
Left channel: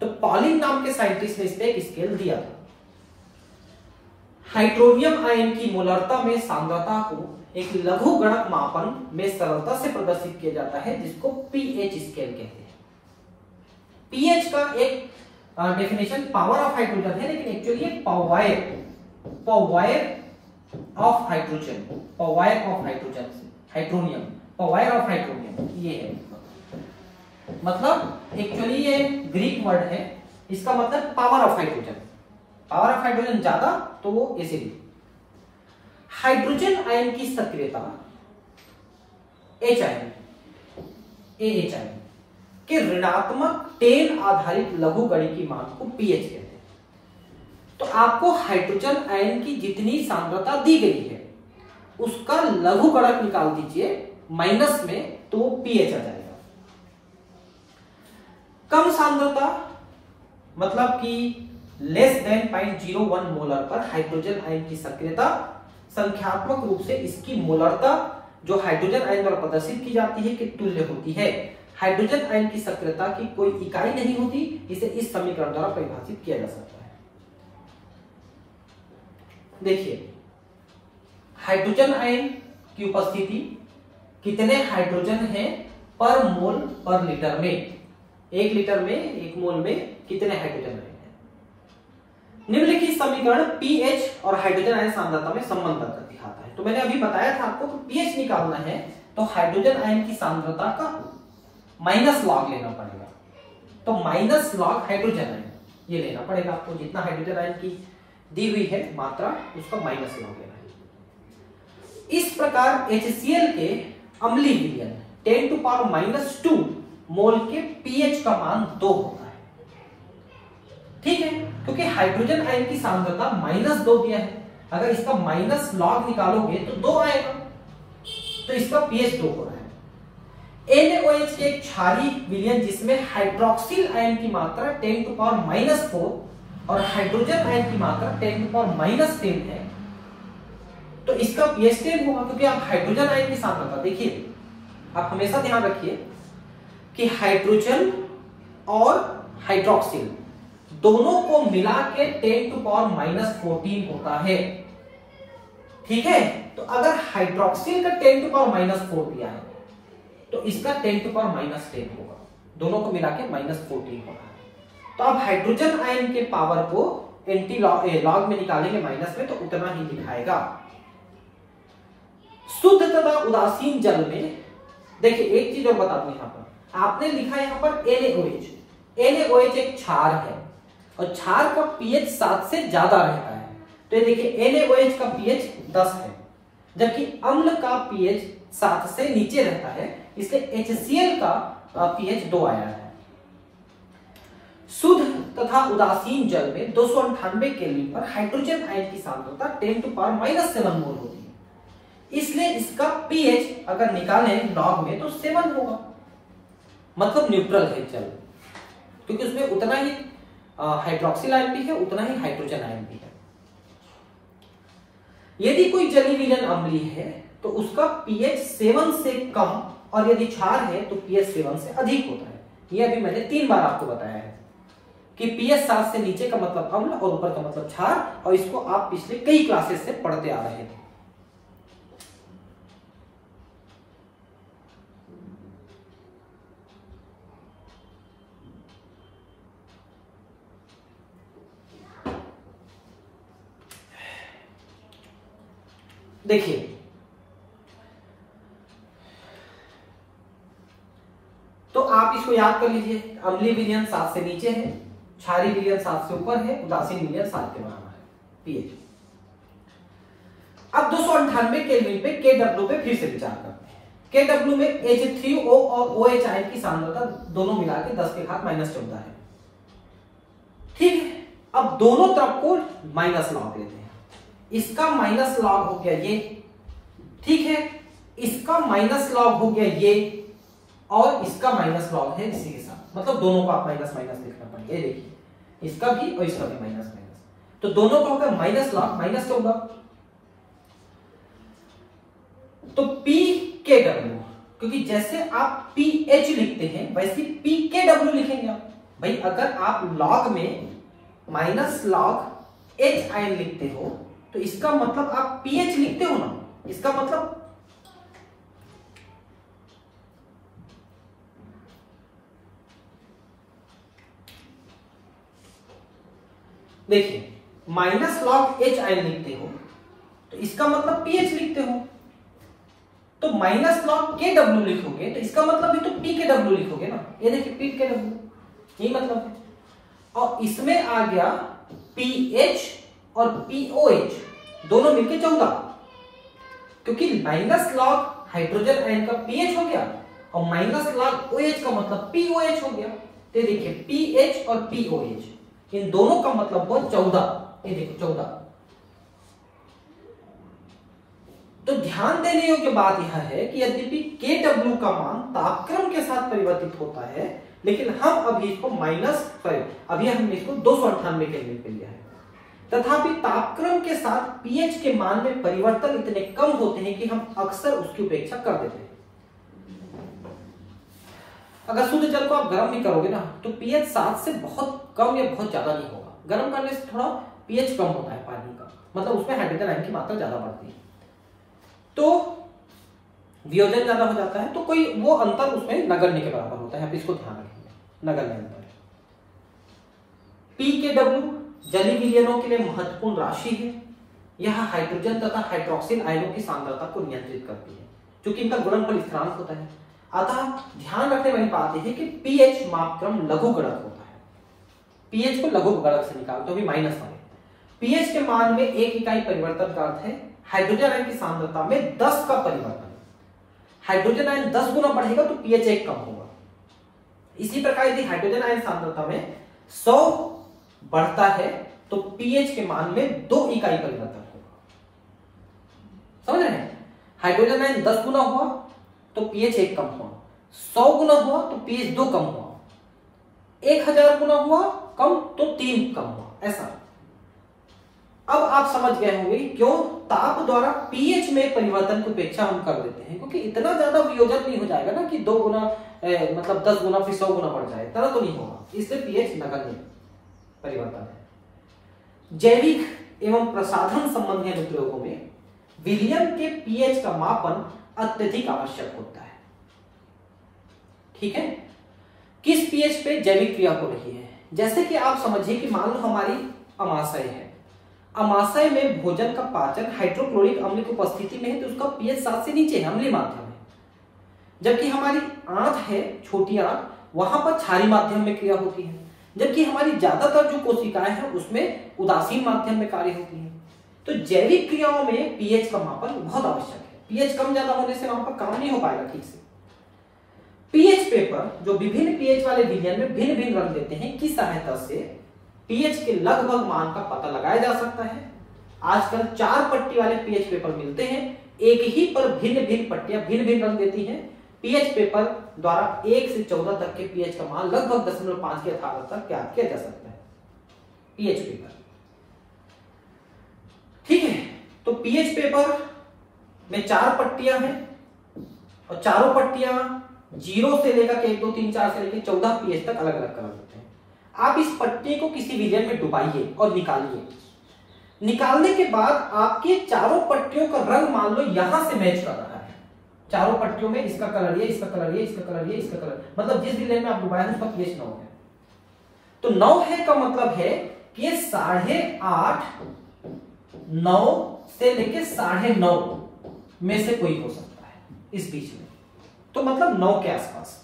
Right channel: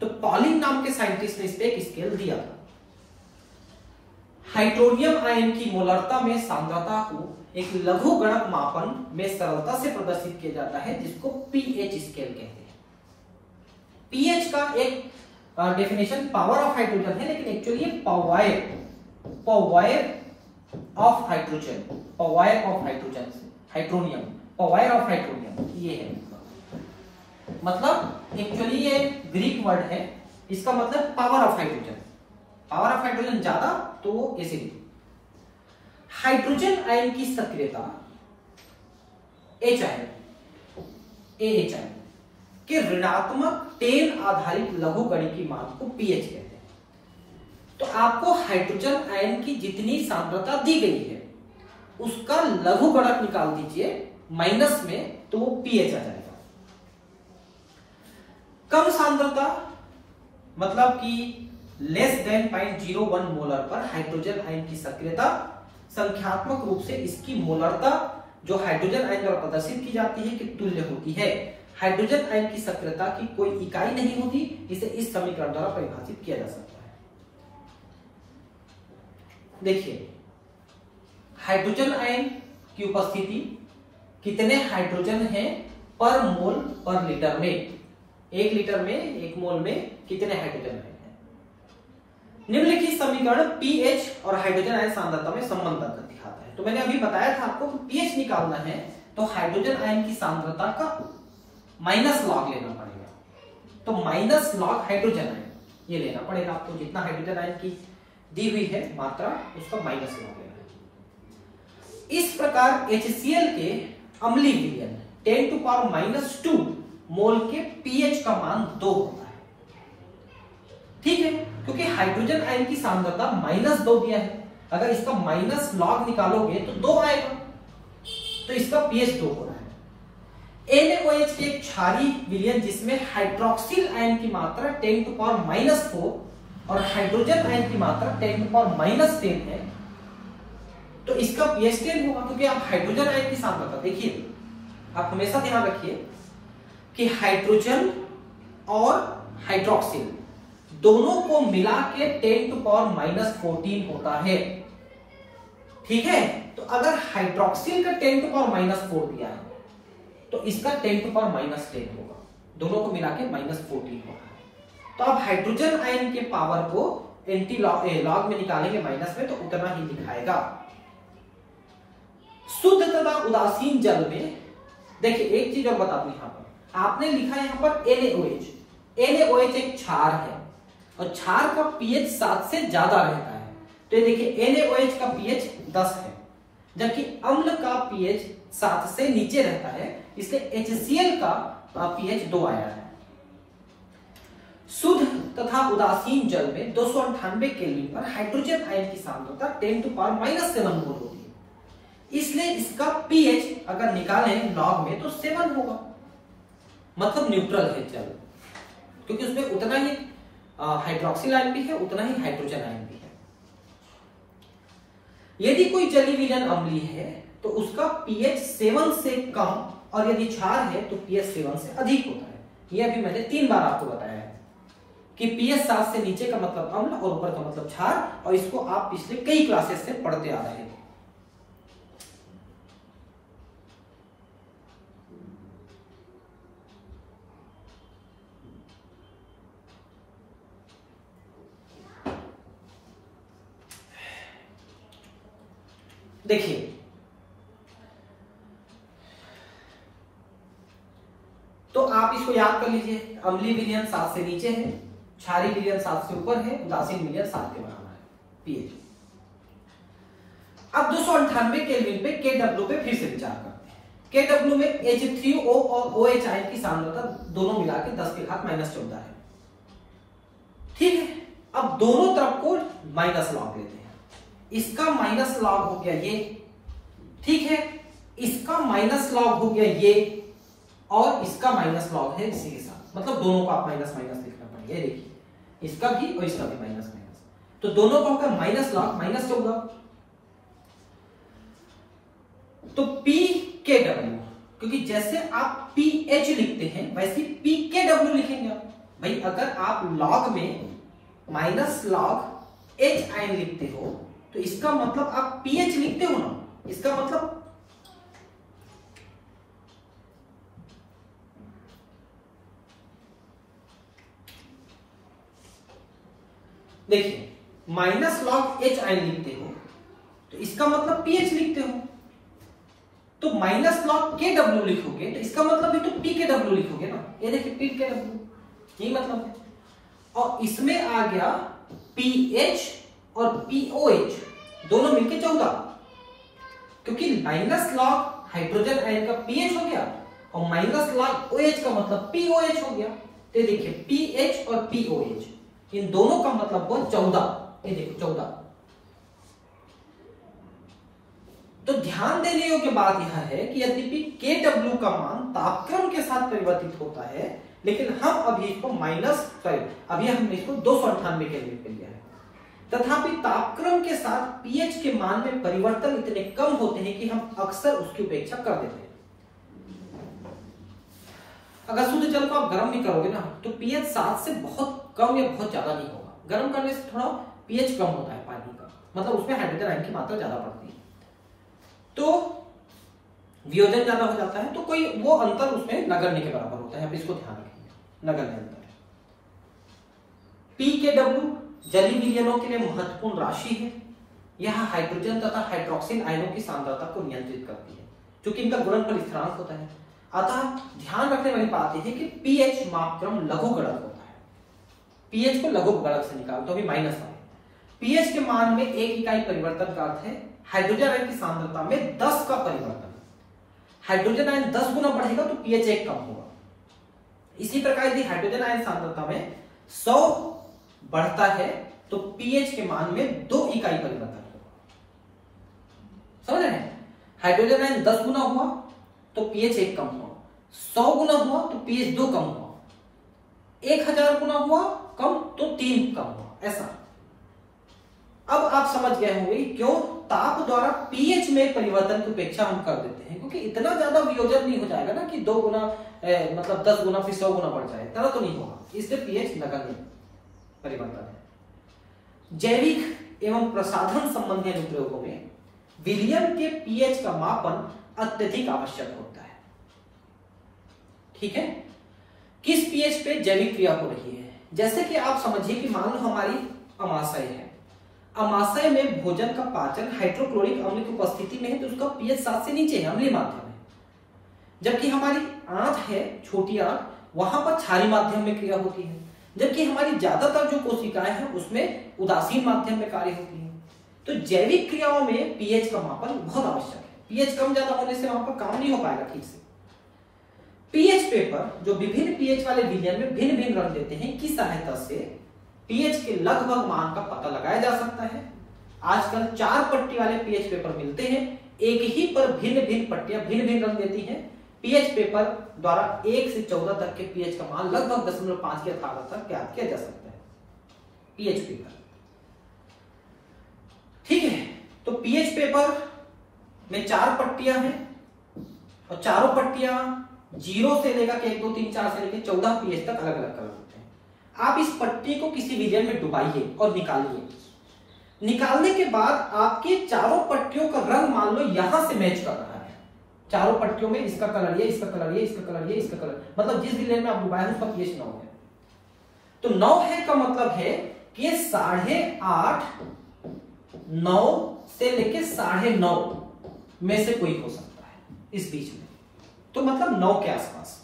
तो पॉलिन नाम के साइंटिस्ट ने इस पे एक स्केल दिया था। हाइड्रोनियम आयन की मोलरता में सांद्रता को एक लघुगणक मापन में सरलता से प्रदर्शित किया जाता है, जिसको पीएच स्केल कहते हैं। पीएच का एक डेफिनेशन पावर ऑफ हाइड्रोजन है, लेकिन एक्चुअली ये पवायर ऑफ हाइड्रोजन से हाइड्रोनियम, पवायर ऑफ हाइड्रोनियम ये है। मतलब एक्चुअली ये ग्रीक वर्ड है, इसका मतलब power of hydrogen. Power of hydrogen ज्यादा तो वो ऐसे लिखो। हाइड्रोजन आयन की सक्रियता एच आयन AH आयन के ऋणात्मक 10 आधारित लघुगणिकीय मान को पीएच कहते हैं। तो आपको हाइड्रोजन आयन की जितनी सांद्रता दी गई है उसका लघुगणक निकाल दीजिए माइनस में, तो वो पीएच आ जाएगा। कम सांद्रता मतलब कि लेस देन 0.01 मोलर पर हाइड्रोजन आयन की सक्रियता संख्यात्मक रूप से इसकी मोलरता जो हाइड्रोजन आयन द्वारा प्रदर्शित की जाती है कि तुल्य होती है। हाइड्रोजन आयन की सक्रियता की कोई इकाई नहीं होती, इसे इस समीकरण द्वारा परिभाषित किया जा सकता है। देखिए, हाइड्रोजन आयन की उपस्थिति कितने हाइड्रोजन है पर मोल पर लीटर में, 1 लीटर में 1 मोल में कितने हाइड्रोजन है। निम्नलिखित समीकरण पीएच और हाइड्रोजन आयन सांद्रता में संबंध दिखाता है। तो मैंने अभी बताया था आपको कि पीएच निकालना है तो हाइड्रोजन आयन की सांद्रता का माइनस लॉग लेना पड़ेगा। तो माइनस लॉग हाइड्रोजन आयन ये लेना पड़ेगा आपको, जितना हाइड्रोजन आयन की दी हुई है मात्रा उसका माइनस लॉग लेना है। इस प्रकार HCl के अम्लीय विलयन 10⁻² मोल के पीएच का मान 2 होता है। ठीक है, क्योंकि हाइड्रोजन आयन की सांद्रता -2 दिया है, अगर इसका माइनस लॉग निकालोगे तो 2 आएगा, तो इसका पीएच 2 हो रहा है। NaOH के एक क्षारीय विलयन जिसमें हाइड्रोक्सिल आयन की मात्रा 10⁻⁴ और हाइड्रोजन आयन की मात्रा 10⁻10 है, तो इसका पीएच 10 होगा, क्योंकि आप हाइड्रोजन आयन की सांद्रता देखिए, आप हमेशा ध्यान रखिए कि हाइड्रोजन और हाइड्रोक्सिल दोनों को मिला के 10⁻14 होता है। ठीक है, तो अगर हाइड्रोक्सिल का 10⁻4 दिया है तो इसका 10⁻10 होगा, दोनों को मिला के -14 होगा। तो अब हाइड्रोजन आयन के पावर को एंटी लॉग में निकालेंगे माइनस में, तो उतना ही दिखाएगा। शुद्ध तथा उदासीन जल में देखिए, एक चीज और बता दूं, यहां पर आपने लिखा है यहां पर NaOH एक क्षार है और क्षार का पीएच 7 से ज्यादा रहता है। तो ये देखिए NaOH का पीएच 10 है, जबकि अम्ल का पीएच 7 से नीचे रहता है, इसलिए HCl का पीएच 2 आया है। शुद्ध तथा उदासीन जल में 298 केल्विन पर हाइड्रोजन आयन की सांद्रता 10⁻⁷ मोल होती है, इसलिए इसका पीएच अगर निकालें लॉग में तो 7 होगा, मतलब न्यूट्रल है जल, क्योंकि उसमें उतना ही हाइड्रोक्सिल आयन भी है, उतना ही हाइड्रोजन आयन भी है। यदि कोई जलीय विलयन अम्लीय है तो उसका पीएच 7 से कम, और यदि क्षार है तो पीएच 7 से अधिक होता है। ये अभी मैंने 3 बार आपको बताया है कि पीएच 7 से नीचे का मतलब अम्ल और ऊपर का मतलब क्षार, और इसको आप पिछले कई क्लासेस से पढ़ते आ रहे थे। देखिए, तो आप इसको याद कर लीजिए, अम्लीय विलयन 7 से नीचे है, क्षारीय विलयन 7 से ऊपर है, उदासीन विलयन 7 के बराबर है पीएच। अब 298 केल्विन पे KW पे फिर से विचार करते हैं। KW में H3O और OH आयन की सांद्रता दोनों मिला के 10⁻14 है। ठीक है, अब दोनों तरफ को माइनस लॉग लेते हैं, इसका माइनस लॉग हो गया ये, ठीक है, इसका माइनस लॉग हो गया ये, और इसका माइनस लॉग है इसी के साथ, मतलब दोनों को आप माइनस माइनस लिखना पड़ेगा। ये देखिए, इसका भी और इसका भी माइनस माइनस, तो दोनों का होगा माइनस लॉग माइनस होगा। तो PKW, क्योंकि जैसे आप PH लिखते हैं वैसे PKW लिखेंगे आप, भाई अगर आप लॉग में माइनस लॉग एच आयन लिखते हो तो इसका मतलब आप पीएच लिखते हो ना, इसका मतलब देखिए माइनस लॉग एच आयन लिखते हो तो इसका मतलब पीएच लिखते हो, तो माइनस लॉग के डब्ल्यू लिखोगे तो इसका मतलब भी तो पी के डब्ल्यू लिखोगे ना, ये देखिए पी के डब्ल्यू, ये मतलब है। और इसमें आ गया पीएच और पीओएच दोनों मिलके 14, क्योंकि माइनस लॉग हाइड्रोजन आयन का पीएच हो गया और माइनस लॉग ओएच का मतलब पीओएच हो गया। तो देखिए पीएच और पीओएच इन दोनों का मतलब हुआ 14, ये देखो 14। तो ध्यान देने योग्य बात यह है कि यद्यपि Kw का मान तापक्रम के साथ परिवर्तित होता है, लेकिन हम अभी इसको अभी हमने इसको 298 केल्विन पे लिया है, तथापि तापक्रम के साथ पीएच के मान में परिवर्तन इतने कम होते हैं कि हम अक्सर उसकी उपेक्षा कर देते हैं। अगर शुद्ध जल को आप गर्म नहीं करोगे ना तो पीएच 7 से बहुत कम या बहुत ज्यादा नहीं होगा, गर्म करने से थोड़ा पीएच कम होता है पानी का, मतलब उसमें हाइड्रोजन आयन की मात्रा ज्यादा बढ़ती है, तो वियोजन ज्यादा हो जाता है, तो कोई वो अंतर उसमें नगण्य के बराबर होता है, आप इसको ध्यान रखेंगे, नगण्य अंतर है। पी के डब्ल्यू जलीय विलयनों के लिए महत्वपूर्ण राशि है, यह हाइड्रोजन तथा हाइड्रोक्सिल आयनों की सांद्रता को नियंत्रित करती है, क्योंकि इनका गुणनफल स्थिरांक होता है। अतः ध्यान रखने वाली बात यह है कि पीएच मापक्रम लघु गुणक होता है, पीएच को लघु गुणक से निकालते हो माइनस का। पीएच के मान में 1 इकाई परिवर्तन का अर्थ है हाइड्रोजन आयन की सांद्रता में 10 का परिवर्तन। हाइड्रोजन आयन 10 गुना बढ़ेगा तो पीएच 1 कम होगा। इसी प्रकार यदि हाइड्रोजन आयन सांद्रता में 100 बढ़ता है तो पीएच के मान में 2 इकाई परिवर्तन होगा। समझ रहे हैं? हाइड्रोजन आयन 10 गुना हुआ तो पीएच 1 कम हुआ, 100 गुना हुआ तो पीएच 2 कम हुआ, 1000 गुना हुआ कम तो 3 कम हुआ, ऐसा। अब आप समझ गए होंगे क्यों ताप द्वारा पीएच में परिवर्तन की उपेक्षा हम कर देते हैं, क्योंकि इतना ज्यादा वियोजन नहीं हो जाएगा ना कि 2 गुना मतलब 10 गुना फिर 100 गुना बढ़ जाए, इतना तो नहीं होगा, इससे पीएच नगण्य परिवर्तन है। जैविक एवं प्रसाधन संबंधी अनुप्रयोगों में विलयन के पीएच का मापन अत्यधिक आवश्यक होता है। ठीक है, किस पीएच पे जैविक क्रिया हो रही है? जैसे कि आप समझिए कि मान लो हमारी अमाशय है, अमाशय में भोजन का पाचन हाइड्रोक्लोरिक अम्ल की उपस्थिति में है तो उसका पीएच 7 से नीचे है, अम्लीय माध्यम है। जबकि हमारी आंत है, छोटी आंत, वहां पर क्षारीय माध्यम में क्रिया होती है, जबकि हमारी ज्यादातर जो कोशिकाएं हैं उसमें उदासीन माध्यम में कार्य होती है। तो जैविक क्रियाओं में पीएच का मापन बहुत आवश्यक है, पीएच कम ज्यादा होने से वहां पर काम नहीं हो पाएगा ठीक से। पीएच पेपर जो विभिन्न पीएच वाले विलयन में भिन्न भिन्न रंग देते हैं की सहायता से पीएच के लगभग मान का पता लगाया जा सकता है। आजकल 4 पट्टी वाले पीएच पेपर मिलते हैं, एक ही पर भिन्न भिन्न पट्टियां भिन्न भिन्न रंग देती हैं। पीएच पेपर द्वारा 1 से 14 तक के पीएच का मान लगभग 0.5 के यथार्थ तक ज्ञात किया जा सकता है पीएच पेपर। ठीक है, तो पीएच पेपर में 4 पट्टियां हैं और चारों पट्टियां 0 से लेकर के 1 2 3 4 से लेकर 14 पीएच तक अलग अलग कलर होते हैं। आप इस पट्टी को किसी विलयन में डुबाइए और निकालिए। निकालने के बाद आपके चारों पट्टियों का रंग मान लो यहां से मैच कर रहा है, चारों पट्टियों में इसका कलर ये, इसका कलर ये, इसका कलर ये, इसका कलर, मतलब जिस विलयन में आप डुबाए उसका पीएच 9 है। तो 9 है का मतलब है कि 8.5 9 से लेके 9.5 में से कोई हो सकता है इस बीच में, तो मतलब 9 के आसपास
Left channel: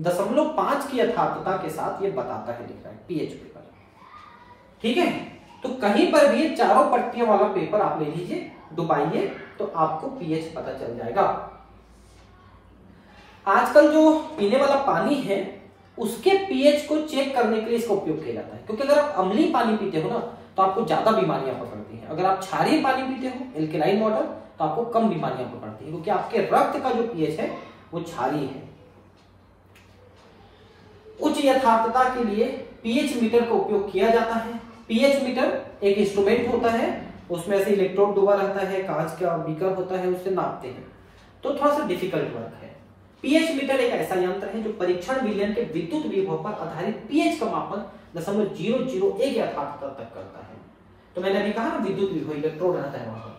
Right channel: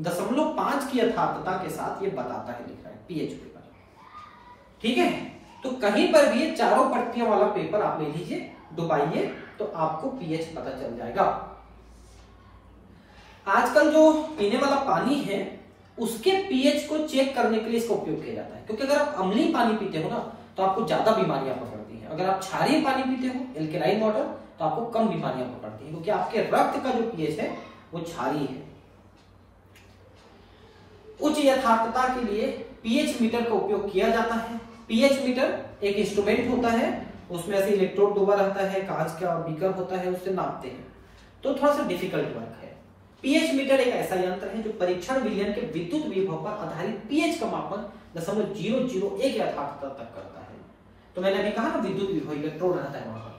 0.5 की यथार्थता के साथ ये बताता है, लिख रहा है पीएच पेपर। ठीक है, तो कहीं पर भी चारों पट्टियों वाला पेपर आप ले लीजिए, डुबाइए, तो आपको पीएच पता चल जाएगा। आजकल जो पीने वाला पानी है उसके पीएच को चेक करने के लिए इसका उपयोग किया जाता है, क्योंकि अगर आप अम्लीय पानी पीते हो ना तो आपको ज्यादा बीमारियां पकड़ती हैं, अगर आप क्षारीय पानी पीते हो एल्केलाइन वाटर तो आपको कम बीमारियां पकड़ती हैं, क्योंकि आपके रक्त का जो पीएच है वो क्षारीय है। उच्च यथार्थता के लिए पीएच मीटर का उपयोग किया जाता है। पीएच मीटर एक इंस्ट्रूमेंट होता है, उसमें ऐसे इलेक्ट्रोड डूबा रहता है, कांच का बीकर होता है, उससे नापते हैं, तो थोड़ा सा डिफिकल्ट वर्क है। पीएच मीटर एक ऐसा यंत्र है जो परीक्षण विलयन के विद्युत विभव पर आधारित पीएच का मापन 0.001 यथार्थता तक करता है। तो मैंने अभी कहा ना विद्युत विभव इलेक्ट्रोड रहता है वहां पर।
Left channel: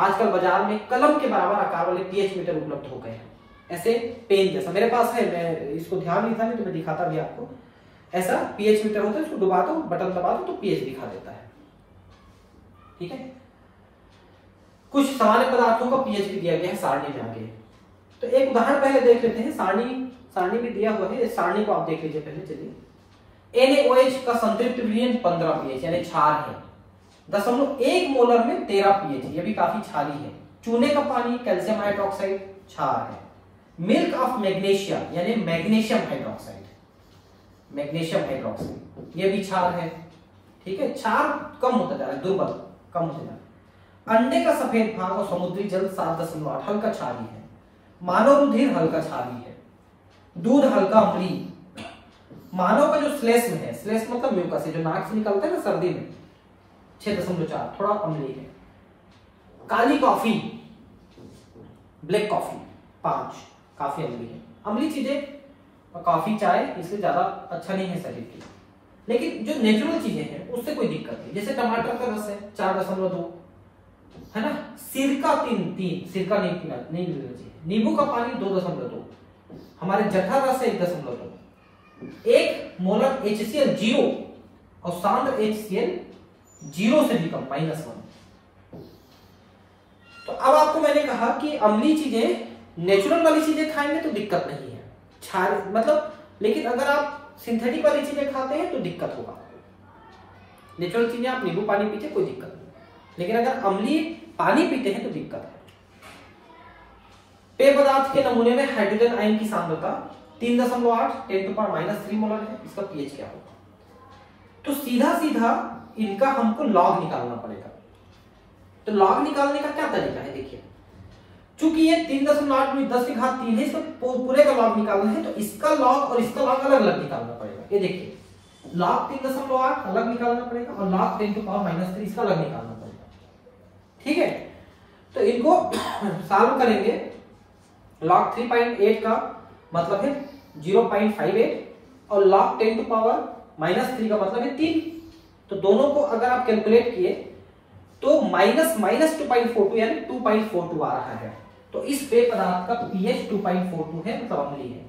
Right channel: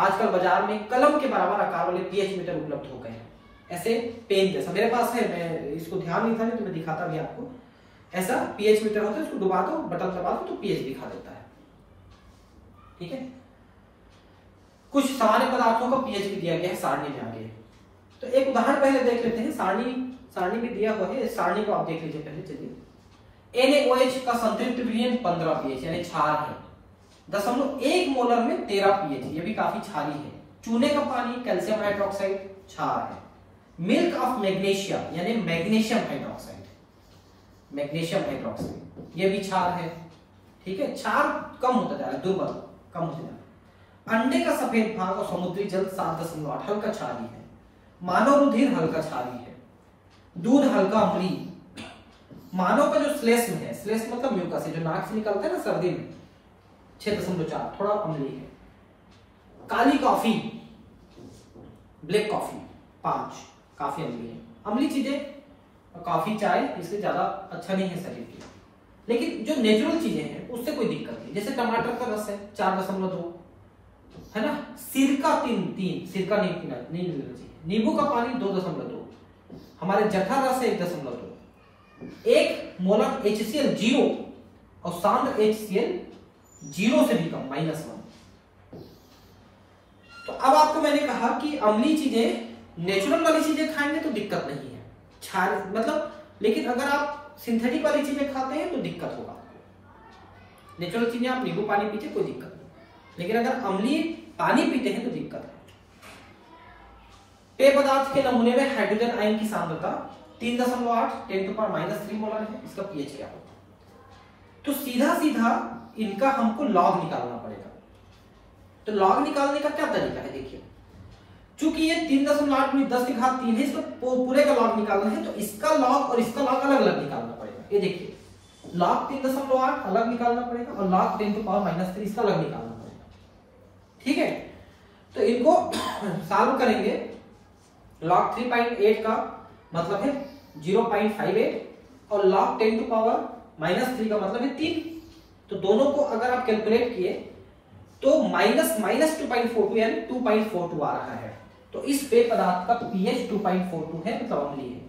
आजकल बाजार में कलम के बराबर आकार वाले पीएच मीटर उपलब्ध हो गए हैं, ऐसे पेन जैसा मेरे पास है, मैं इसको ध्यान नहीं था नहीं तो मैं दिखाता भी आपको। ऐसा पीएच मीटर होता है, उसको डुबा दो, बटन दबा दो तो पीएच दिखा देता है। ठीक है, कुछ सामान्य पदार्थों का पीएच भी दिया गया है सारणी में आगे। तो एक उदाहरण पहले देख लेते हैं, सारणी में दिया हुआ है, इस सारणी को आप देख लीजिए पहले। चलिए NaOH का संतृप्त विलयन 15 पीएच यानी क्षार है, 0.1 मोलर में 13 पीएच, ये भी काफी क्षारी है। चूने का पानी कैल्शियम हाइड्रोक्साइड क्षार है। मिल्क ऑफ मैग्नीशियम यानी मैग्नीशियम हाइड्रोक्साइड, ये भी क्षार है। ठीक है, क्षार कम होता जा रहा है, दुर्बल कम होता जा रहा है। अंडे का सफेद भाग और समुद्री जल 7.8 हल्का क्षारी है। मानव रुधिर हल्का क्षारी है। दूध हल्का अम्लीय। मानव का जो श्लेष्म है, श्लेष्म मतलब म्यूकस है जो नाक से निकलता है ना सर्दी में, 6.4 थोड़ा अम्लीय है। काली कॉफी ब्लैक कॉफी 5 काफी अम्लीय है। अम्लीय चीजें कॉफी चाय इससे ज्यादा अच्छा नहीं है शरीर के लिए, लेकिन जो नेचुरल चीजें हैं उससे कोई दिक्कत नहीं। जैसे टमाटर का रस है 4.2 है ना, सिरका 3 सिरका नहीं मिलना चाहिए। नींबू का पानी 2.2, हमारे जठर रस है 1.2। 1 मोलर HCl 0 और सांद्र HCl 0 से भी कम -1। तो अब आपको मैंने कहा कि अम्लीय चीजें, नेचुरल वाली चीजें खाएंगे तो दिक्कत नहीं है, क्षार मतलब, लेकिन अगर आप सिंथेटिक वाली चीजें खाते हैं तो दिक्कत होगा। नेचुरल चीजें आप नींबू पानी पीते कोई दिक्कत नहीं, लेकिन अगर अम्लीय पानी पीते हैं तो दिक्कत है। पेय पदार्थ के नमूने में हाइड्रोजन आयन की सांद्रता 3.8 10⁻³ मोलर है। इसका पीएच क्या होगा? तो सीधा इनका हमको लॉग निकालना पड़ेगा। तो लॉग निकालने का क्या तरीका है, देखिए, चूंकि ये 3.8 × 10⁻³ है, इसको पूरे का लॉग निकालना है, तो इसका लॉग और इसका लॉग अलग अलग निकालना पड़ेगा। ये देखिए, लॉग 3.8 अलग निकालना पड़ेगा और लॉग 10⁻³ इसका अलग निकालना पड़ेगा। ठीक है, तो इनको सॉल्व करेंगे। लॉग 3.8 का मतलब है 0.58 और log 10⁻³ का मतलब है 3। तो दोनों को अगर आप कैलकुलेट किए तो -2.42 यानी 2.42 आ रहा है। तो इस पेय पदार्थ का पीएच 2.42 है, मतलब अम्लीय है।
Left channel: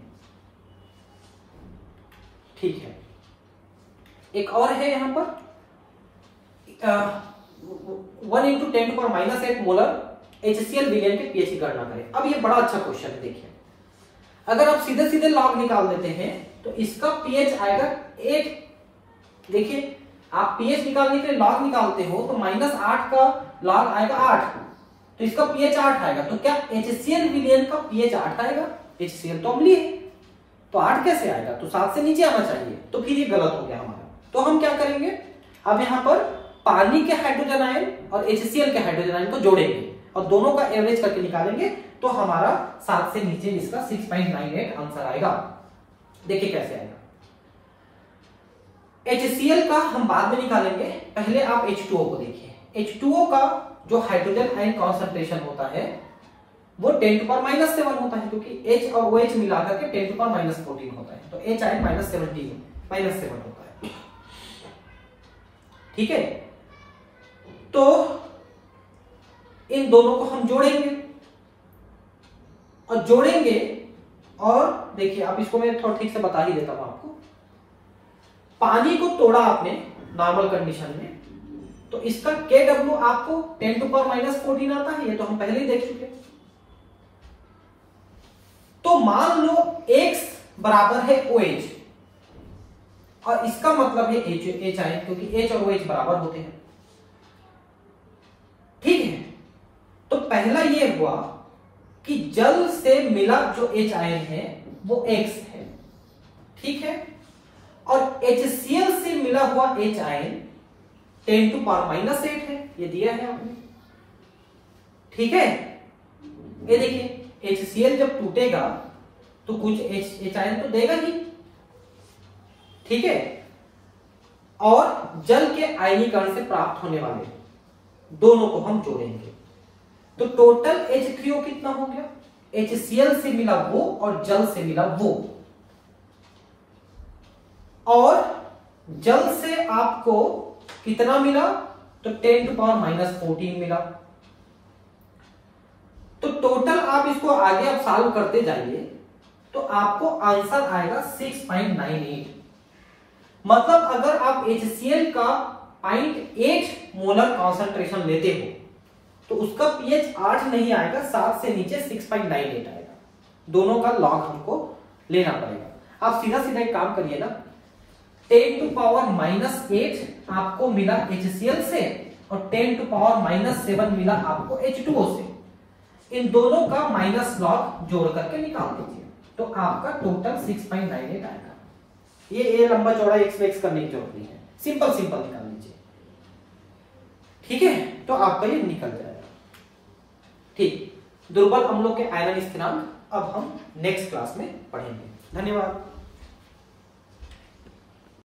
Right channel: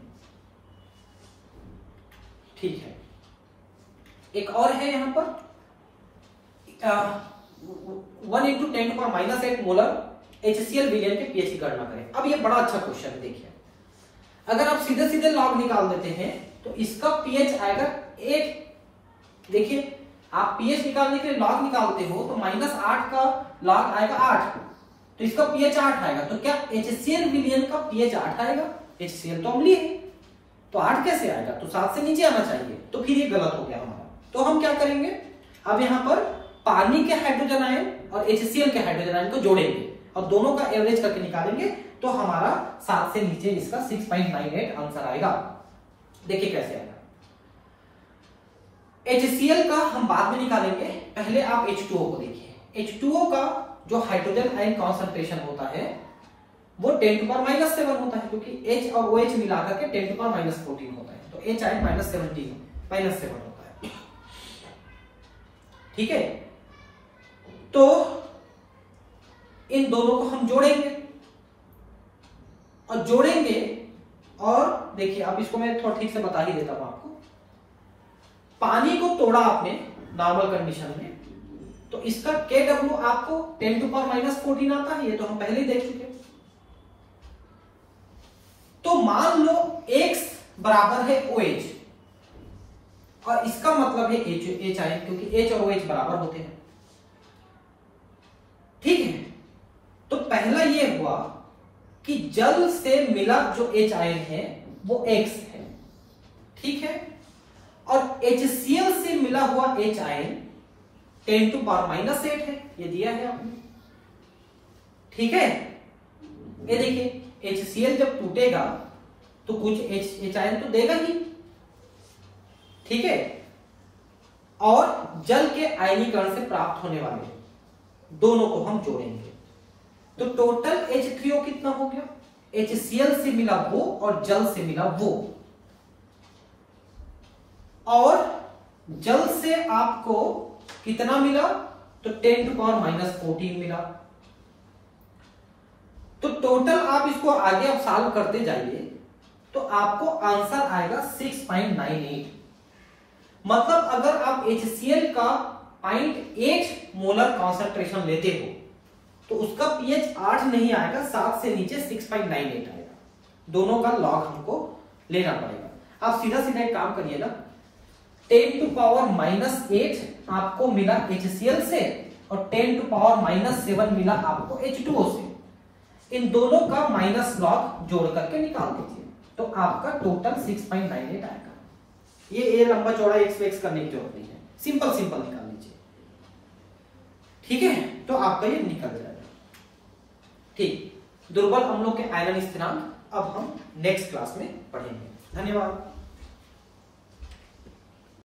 ठीक है, एक और है यहां पर 1 × 10⁻⁸ मोलर HCl विलयन के पीएच की गणना करें। अब ये बड़ा अच्छा क्वेश्चन है, देखिए, अगर आप सीधे सीधे लॉग निकाल देते हैं तो इसका पीएच आएगा 8। देखिए, आप पीएच निकालने के लिए लॉग निकालते हो तो -8 का लॉग आएगा 8, तो इसका पीएच 8 आएगा। तो क्या HCl विलयन का पीएच 8 आएगा? HCl तो अम्लीय है, तो 8 कैसे आएगा? तो 7 से नीचे आना चाहिए, तो फिर ये गलत हो गया हमारा। तो हम क्या करेंगे, अब यहाँ पर पानी के हाइड्रोजन आयन और HCl के हाइड्रोजन आयन को जोड़ेंगे और दोनों का एवरेज करके निकालेंगे, तो हमारा 7 से नीचे इसका 6.98 आंसर आएगा। देखिए कैसे आएगा। HCl का हम बाद में निकालेंगे, पहले आप H2O को देखिए। H2O का जो हाइड्रोजन आयन कॉन्सेंट्रेशन होता है वो 10⁻⁷ होता है, क्योंकि H और OH मिलाकर के 10⁻⁻14 होता है, तो H आयन -7 होता है। ठीक है, तो इन दोनों को हम जोड़ेंगे और देखिए, अब इसको मैं थोड़ा ठीक से बता ही देता हूं आपको। पानी को तोड़ा आपने नॉर्मल कंडीशन में, तो इसका Kw आपको 10⁻⁻14 आता है, ये तो हम पहले ही देख चुके। तो मान लो X बराबर है OH और इसका मतलब है H आयन, क्योंकि H और OH बराबर होते हैं। ठीक है, तो पहला ये हुआ कि जल से मिला जो H आयन है वो X है। ठीक है, और HCl से मिला हुआ H आयन 10⁻⁸ है, ये दिया है आपने। ठीक है, ये देखिए, HCl जब टूटेगा तो कुछ H आयन तो देगा ही। ठीक है, और जल के आयनीकरण से प्राप्त होने वाले दोनों को हम जोड़ेंगे, तो टोटल H3O कितना हो गया? HCl से मिला वो और जल से मिला वो, और जल से आपको कितना मिला, तो 10⁻⁻14 मिला। तो टोटल आप इसको आगे आप सॉल्व करते जाइए तो आपको आंसर आएगा 6.98। मतलब अगर आप HCl का 0.8 मोलर कॉन्सेंट्रेशन लेते हो तो उसका pH 8 नहीं आएगा, 7 से नीचे 6.98 आएगा। दोनों का लॉग हमको लेना पड़ेगा। आप सीधा सीधा एक काम करिए ना, 10⁻⁻8 आपको मिला HCl से और 10⁻⁻7 मिला आपको H2O से। इन दोनों का माइनस लॉग जोड़ करके निकाल दीजिए तो आपका टोटल 6.98 आएगा। ये लंबा चौड़ा एक्स करने की जरूरत नहीं है, सिंपल सिंपल निकाल लीजिए। ठीक है, तो आपका ये निकल जाएगा। ठीक, दुर्बल अम्लों के आयरन स्थिरांक अब हम नेक्स्ट क्लास में पढ़ेंगे। धन्यवाद।